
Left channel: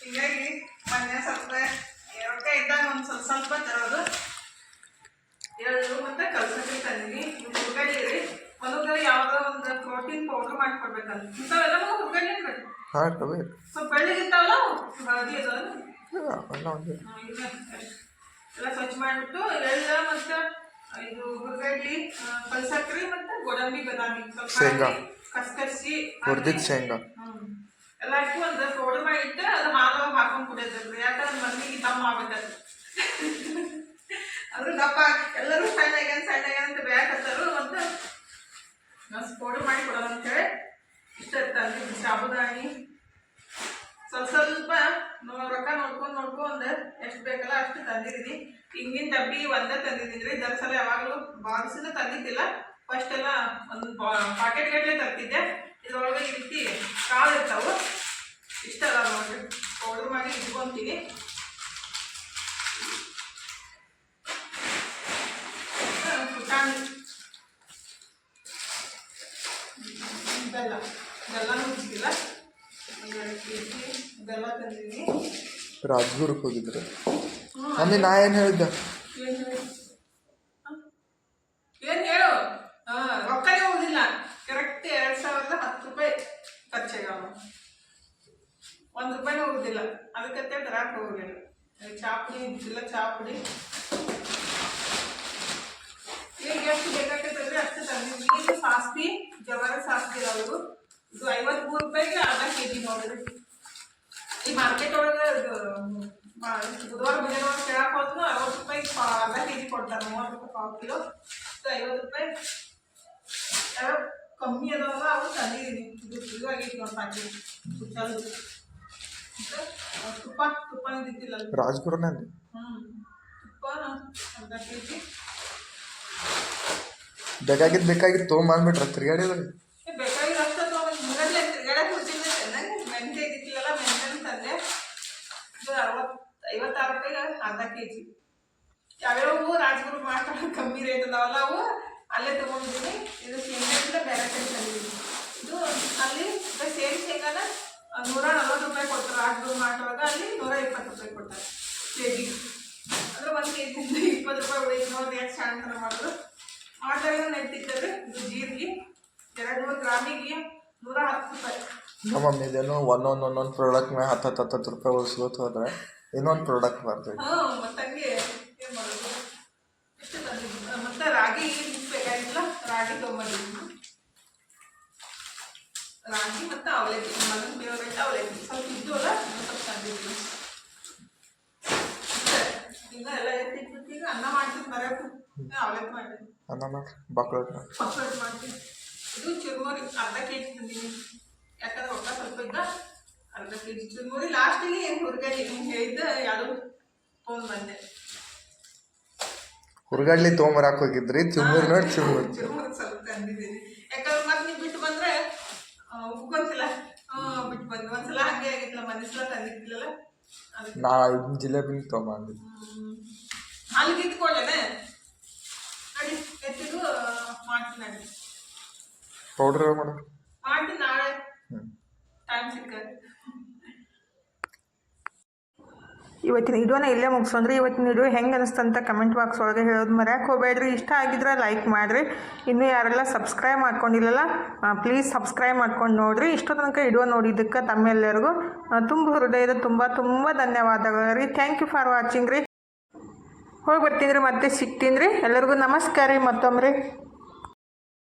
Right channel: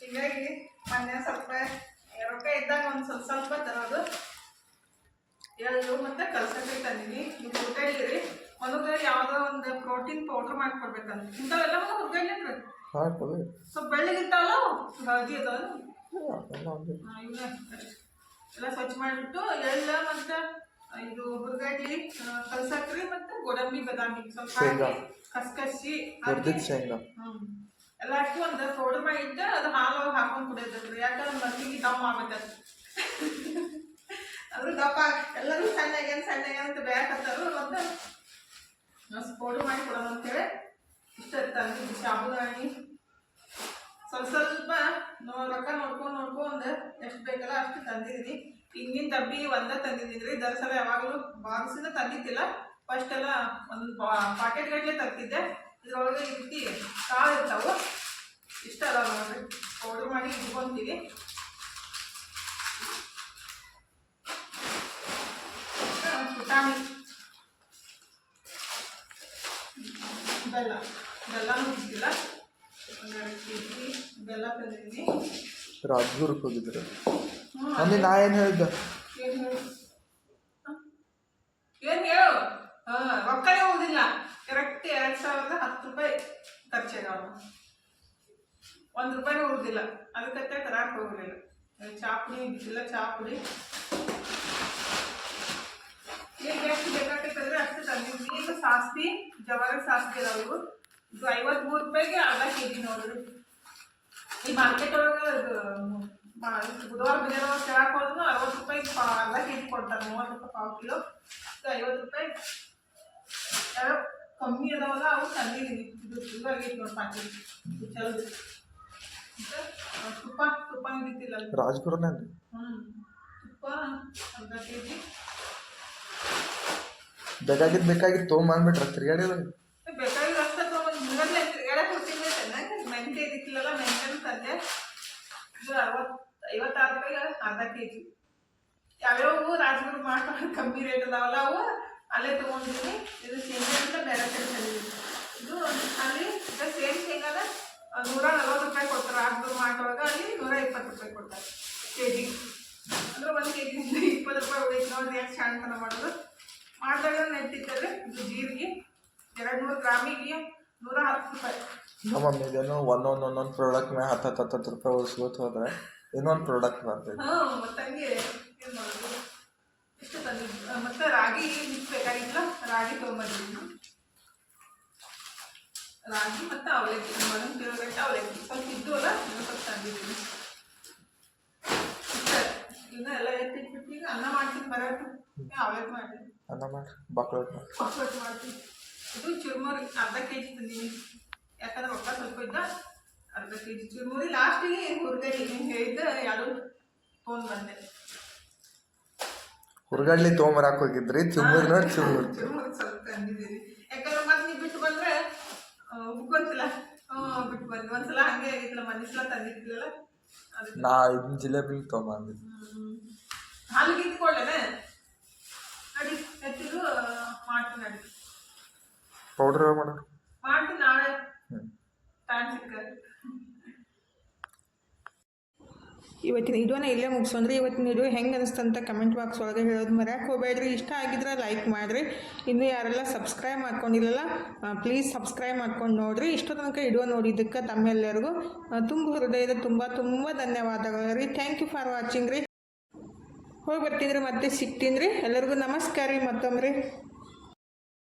ಹಿಂಗಾಗಿ ಮೊನ್ನೆ ಸ್ವಲ್ಪ ರೊಕ್ಕ ಇದ್ದಾಗ ಒಂದು ಸ್ವಲ್ಪ ಸ್ವಲ್ಪ ತರೋದು. ಎಳ್ಳು ಮತ್ತೆ ಕಲ್ಸಕ್ಕೆ ತಂದೀವಿ. ಹುರ್ಗಡ್ಲಿ ರೀ. ಒಂದೊಂದು ಯಾವುದೋ ಒಂದು ಪ್ರೋಟೀನ್ ಪೌಡ್ರ್ ಮಾಡ್ಕೊಡ್ಬೇಕಂತ. ಇಂಥವೆಲ್ಲ ನಮಗೆ ಹುರ್ಗಡ್ಲಿ ಸ್ವಲ್ಪ ಬೆಳ್ಳಿಗಿತ್ತಲ್ಲ ಹಳದಿ ಅಷ್ಟೇ. ಎಲ್ಲ ಸ್ವಚ್ಛ ಮಾಡಿಬಿಟ್ಟು ಎಳ್ಳು ಮತ್ತು ಇದು ಹುರ್ಗಡ್ಲಿ ಕಲ್ಸಕ್ರಿ ಮತ್ತು ಗೋಡಂಬಿ ಬದಾಮಿ. ಸ್ವಲ್ಪ ಶೇಂಗಾ. ಕಸ್ಕಸಿ ಹುರ್ದಿದ್ ಶೇಂಗಾ. ಹ್ಮ್. ಎಲ್ಲ ಹಾಕಿ ಒಂದು ಪೌಡರ್ ಮಾಡಿಟ್ಟು ಅದು ಮಾಲವ ಹಾಕೊಂಡು ಕುಡಿಯೋದ್ರಿ ಯಾಕಂದ್ರೆ ಮಂದಿಗೆ ದಮ್ ಆಗ್ಬೇಕದು ಅದ್ರ ದಪ್ಪ ಎಲ್ಲರೂ ಸಣ್ಣ ಆಗ್ಯಾನ ಸಣ್ಣ ಆಗ್ಯಾನ ಅಂತ ಬೇಕತ್ತಾರು ಒಂದು ಪೌಡರ್ ಮಾಡಿ ಕೊಡೋಣ ಅಂತೇಳಿ ಇಷ್ಟ ತಂದಿದ್ದು ಸಾಬುದಾನಿ ಸ್ವಲ್ಪ ಸ್ವಲ್ಪ ರೊಕ್ಕ ನೋಡ್ಕೊಂಡು ನೋಡ್ಕೊಂಡು ಎಷ್ಟು ಬೇಕಲ್ಲ ಅಷ್ಟು ತಂದಿದ್ದೀನಿ. ಹಿಂಗಿನ ತಪ್ಪಿಗೆ ಒಂದೇ ತಂದಿದ್ದೀನಿ ರೀ ಯಾವಾಗಲೂ ಬಾದಿಸಿನ ತಂದಿದ್ದಿಲ್ಲ. ಫಸ್ಟ್ ಎಲ್ಲ ಒಂದು ಪಾಕೆಟ್ ಗಟ್ಟಲೆ ತರ್ತಿದ್ದೆ. ಇದ್ರೊಳಗೆ ರೀತಿ ಕಾಳು ಇರ್ತಾವೆ. ಇಷ್ಟ ಅಲ್ಲ ನೋಡ್ರಿ ಪೌಡ್ರ್ ಮಾಡಿ ಇಟ್ಕೊಂತೀವಿ ಬೆಲ್ಲ. ಬೆಲ್ಲನೂ ಜಿ ಬೆಲ್ಲ ತಂದಿದ್ದೀನಿ. ಹೋಗಿದ್ರು ಹ್ಞೂ ಮಮ್ಮಿ ನಾ ಏನು ಹೇಳಿದ್ದೆ ಏನ್ ಹೇಳು ಹ? ಏನ್ ಹೇಳು ಹಾ ರೊಕ್ಕನೇ ಉಳಿದಿಲ್ಲ ಕರೆಕ್ಟ್ ಎರಡ್ ಸಾವಿರದ ಹತ್ತು ರೂಪಾಯಿ ಖರ್ಚಾಗವ ಒಂದ್ ರೂಪಾಯಿನೂ ಉಳಿದಿಲ್ಲ ಅದಕ್ಕೆ ತರಾಕ್ ಹೋಗಲಿಲ್ಲ ಚಾಪುಡಿ ಇದ್ದಿಲ್ಲ ಚಾಪುಡಿ ಈಗ ಎಷ್ಟು ಬೇಕಾಗ್ತೈತಂದ್ರೆ ಅಷ್ಟು ತಂದಿದ್ವಿ ಇದು ಸಾಸ್ತಿ ಜವಾರ ಸಾಸ್ತಿ ಅದಾವ ಇವು ಇದು ಐವತ್ಮೂರು ರೂಪಾಯಿಗೆ ಅರ್ಧ ಕೆ ಜಿ ನೋಡ್ರಿ ಈ ಮಾರ್ಕೆಟ್ ಒಳಗೆ ಇದು ಮಾ- ಬುಧವಾರ ಬುಧವಾರ ಕೇಳಕ್ ಹೋದ್ರು ಅರವತ್ತು ರೂಪಾಯಿ ಪಾ- ಅರ್ಧ ಕೆ ಜಿ ಕೊಡ್ತಾರೆ ಮೂವತ್ತು ರೂಪಾಯಿ ಪಾವು ಕಿಲೋ. ಸೊ ಐವತ್ತು ರೂಪಾಯಿ. ಕಮ್ಮಿ ಅದಾವಲ್ಲ ಅವು ತಂದಿದ್ದೀನಿ. ಇದು ನೋಡಿ ಪ್ಯಾಕೆಟ್ ಚಲೋ ತುಪ್ಪ ತುಪ್ಪನೂ ಇದ್ದಿಲ್ಲ ರಾಜ್ಗುರನೇ ಹ್ಞೂ ತುಪ್ಪ ಅರ್ಧ ಕೆ ಜಿ ಬೇಕಾಗಿದ್ದು ಬೇಕಾಗಿತ್ತು ತೊಗೊಂಬಂದ್ಬಿಟ್ರೆ ಬೇಕಾಗಿರೋ ಅಷ್ಟೇ ತೊಗೊಂಡು ಮುಗದ್ಲೆ ತಿರ್ಗಾಡಕ್ಕೆ ಹೋಗ್ತೀನಿ ಚೆನ್ನಾಗಿ ಮೆಂತೆ ಇದ್ದಿತ್ತಿಲ್ಲಲ್ಲ ಮೆಂತೆನೂ ತಂದೆ ಇದು ಅರವತ್ತು ಐವತ್ತಾರು ರೂಪಾಯಿಗೆ ಅರ್ಧ ಕೆ ಜಿ ಯಾವ್ಯಾವು ರಾಜಗುರು ಮಾತ್ರ ಕಮ್ಮಿ ರೇಟ್ ಅದಾವಲ್ಲ ಅವು. ಅಲ್ಲೇ ತೊಗೊಂಡಿದ್ದೀನಿ ಇದು ಶೇಂಗಾ ಅಂತ ಬೇರೆ ಕಡೆ ತಂದಿದ್ದೀನಿ. ಇದು ಅಲ್ಲಿ ಸೇಮ್ ಶೇಂಗಾನ ನೂರ ನಲ್ವತ್ತು ರೂಪಾಯಿ ಕೊಡ್ತಾರೆ ರಾಜಗುರು ಮಾಡ್ಕೊಳಗ ಅಲ್ಲಿ ನೂರ ಇಪ್ಪತ್ತು ರೂಪಾಯಿ ಕೊಡ್ತಾರೆ ಕೆ ಜಿ ಅಂದ್ರೆ ಒಂದು ಕೆ ಜಿಯಿಂದ ಇಪ್ಪತ್ತು ರೂಪಾಯಿ ಉಳಿತು ನೋಡಿ ಯಾಕೆ ಶಾಂತನ ಮಾಡೋದು? ಮಾಡಿದಾಗ ನೆಟ್ಟಿದ್ದಾರೆ ಇದು ಜೀರಿಗೆ ಎರಡು ನೂರು ಗ್ರಾಮಿಗೆ ನೂರ ಹತ್ತು ರೂಪಾಯಿ. ನಮ್ಮ ಇದೇನು ಒಂದೊಂದು ಒಂದೊಂದು ಪ್ರಾಡಕ್ಟ್ ಮೇಲೆ ಹತ್ತು ಹತ್ತು ಹತ್ತು ರೂಪಾಯಿ ಉಳಿಸ್ಕೋತ ಹೋದ್ರೆ ಇನ್ನೊಂದು ಪ್ರಾಡಕ್ಟ್ ಬರ್ತೈತೆ ಹ್ಞೂ ಮತ್ತೆ ಹಂಗೆ ಏನು ಮಾಡೋದು ಎಷ್ಟು ತಂದಿದ್ದು ಮತ್ತೆ ರಾಗಿ ಮಿಕ್ಸ್ ಬೇಕಾಗಿಲ್ಲ ರಾಗಿ ತೊಗೊಂಬಂದಿದ್ದು ರಾಗಿ ಮತ್ತು ಅವಲಕ್ಕಿ. ಮಗನ ಫೇವ್ರೇಟ್ ಅವಲಕ್ಕಿ. ಸ್ವಲ್ಪ ಇದ್ದು ಅಲ್ಲ ಸ್ವಲ್ಪ ತಂದಿದ್ದೀನಿ ಇಷ್ಟೇ. ಈಗ ಎಲ್ಲ ಎತ್ತಿಟ್ಬಿಟ್ಟು ಈಗ ಅನ್ನ ಮಾಡ್ತೀನಿ ಬರೋದು ಅವಲಕ್ಕಿ ಮಾಡಿ ಅನ್ನ ಮಾಡ್ರಿ ಬಾಕ್ಲಟ್ ಮಾಡಿ ಮಾಡ್ತೀನಿ. ಇದು ಚುರುಮುರಿ ಅರ್ಧ ಕೆ ಜಿ ತಂದೀನಿ ಯಾಕಂದ್ರೆ ರೊಕ್ಕ ಸ್ವಲ್ಪ ಇದ್ದ ಅರ್ಧ ಕೆ ಜಿ ಚುರುಮುರಿ ಲಾಸ್ಟಿಗೆ ಏನು ಹುಡುಗರಿ ಹಿಂಗೆ ಹೇಳಿದ್ದ ಯಾರು ಫೋನ್ ಬಂದೆ. ಹುರ್ಗಡ್ಲಿ ತೊಗೊಂಬರಾಕ್ ಹೋಗಿದ್ರಿ ಚುಮ್ಮುರಿ ನೋಡಿ ಚುರುಮುರಿ ಸ್ವಲ್ಪ ತಂದಿದ್ದೀನಿ ಯಾಕಂದ್ರೆ ಮತ್ತೆ ನೀವು ಬಿಟ್ಟು ಬಂದ್ರೆ ಉಗ್ಗೊಂತಿಲ್ಲ ಹ್ಞೂ ಬಿಟ್ಟು ಬಂದು ಒಂದ್ಸಲ ಹಂಗೆ ಆಗಿತ್ತಲ್ಲ ಮೊನ್ನೆ ಸಲ ತಂದಿದ್ದಿಲ್ಲಲ್ಲ? ನಾ ಇದನ್ನ ಜಿಲೇಬಿನ ತೊಗೊಂಬಂದಿದ್ದೆ ಹಾಲಿಗೆ ಇದ್ಕೊಳ್ಳೇನೆ ನಡಿ ಎತ್ತಿದ್ದು ಮಾಡ್ತೀನಿ ನಡಿ. ಪೌಡ್ರ್ ಮಾಡೋರು ಮಾಡ್ತೀನಿ ನಾಳೆ. ಟೈಮ್ ಸಿಕ್ಕ ಇವತ್ತಿನ ವಿಡಿಯೋನ ಇಲ್ಲೇ ಮುಗಿಸೋಂದ್ರೆ ಇವತ್ತಿನ ವಿಡಿಯೋ ಹೆಂಗೆ ಅನಿಸ್ತು ಅಂತ ಕಮೆಂಟ್ ಬಾಕ್ಸ್ ಒಳಗೆ ಹೇಳೋದು ಮರ್ಯಾಕೆ ಹೋಗಬೇಡ್ರಿ. ಇಷ್ಟ ಆಗಿದ್ರೆ ಲೈಕ್ ಮಾಡಿರಿ. ಇನ್ನೂ ಯಾರೆಲ್ಲ ಸಬ್ಸ್ಕ್ರೈಬ್ ಮಾಡ್ಕೊಂಡಿಲ್ಲಲ್ಲ ಪ್ಲೀಸ್ ಸಬ್ಸ್ಕ್ರೈಬ್ ಮಾಡ್ಕೊಂಡು ನೋಡಿರಿ. ಇಷ್ಟು ತನಕ ವಿಡಿಯೋ ನೋಡಿದ್ದಕ್ಕೆ ತಮ್ಮೆಲ್ಲರಿಗೂ ತುಂಬ ಹೃದಯದ ತುಂಬ ತುಂಬ ಧನ್ಯವಾದಗಳು ರೀ. ಥ್ಯಾಂಕ್ ಯು ಫಾರ್ ವಾಚಿಂಗ್ ರೀ. ಹೋಗಿ ಬರ್ತೀನಿ ರೀ ಮತ್ತೆ ಸಿಗ್ತೀನಿ ರೀ. ಎಲ್ಲರಿಗೂ ನಮಸ್ಕಾರ ರೀ. ಮತ್ತೊಮ್ಮೆ ರೀ.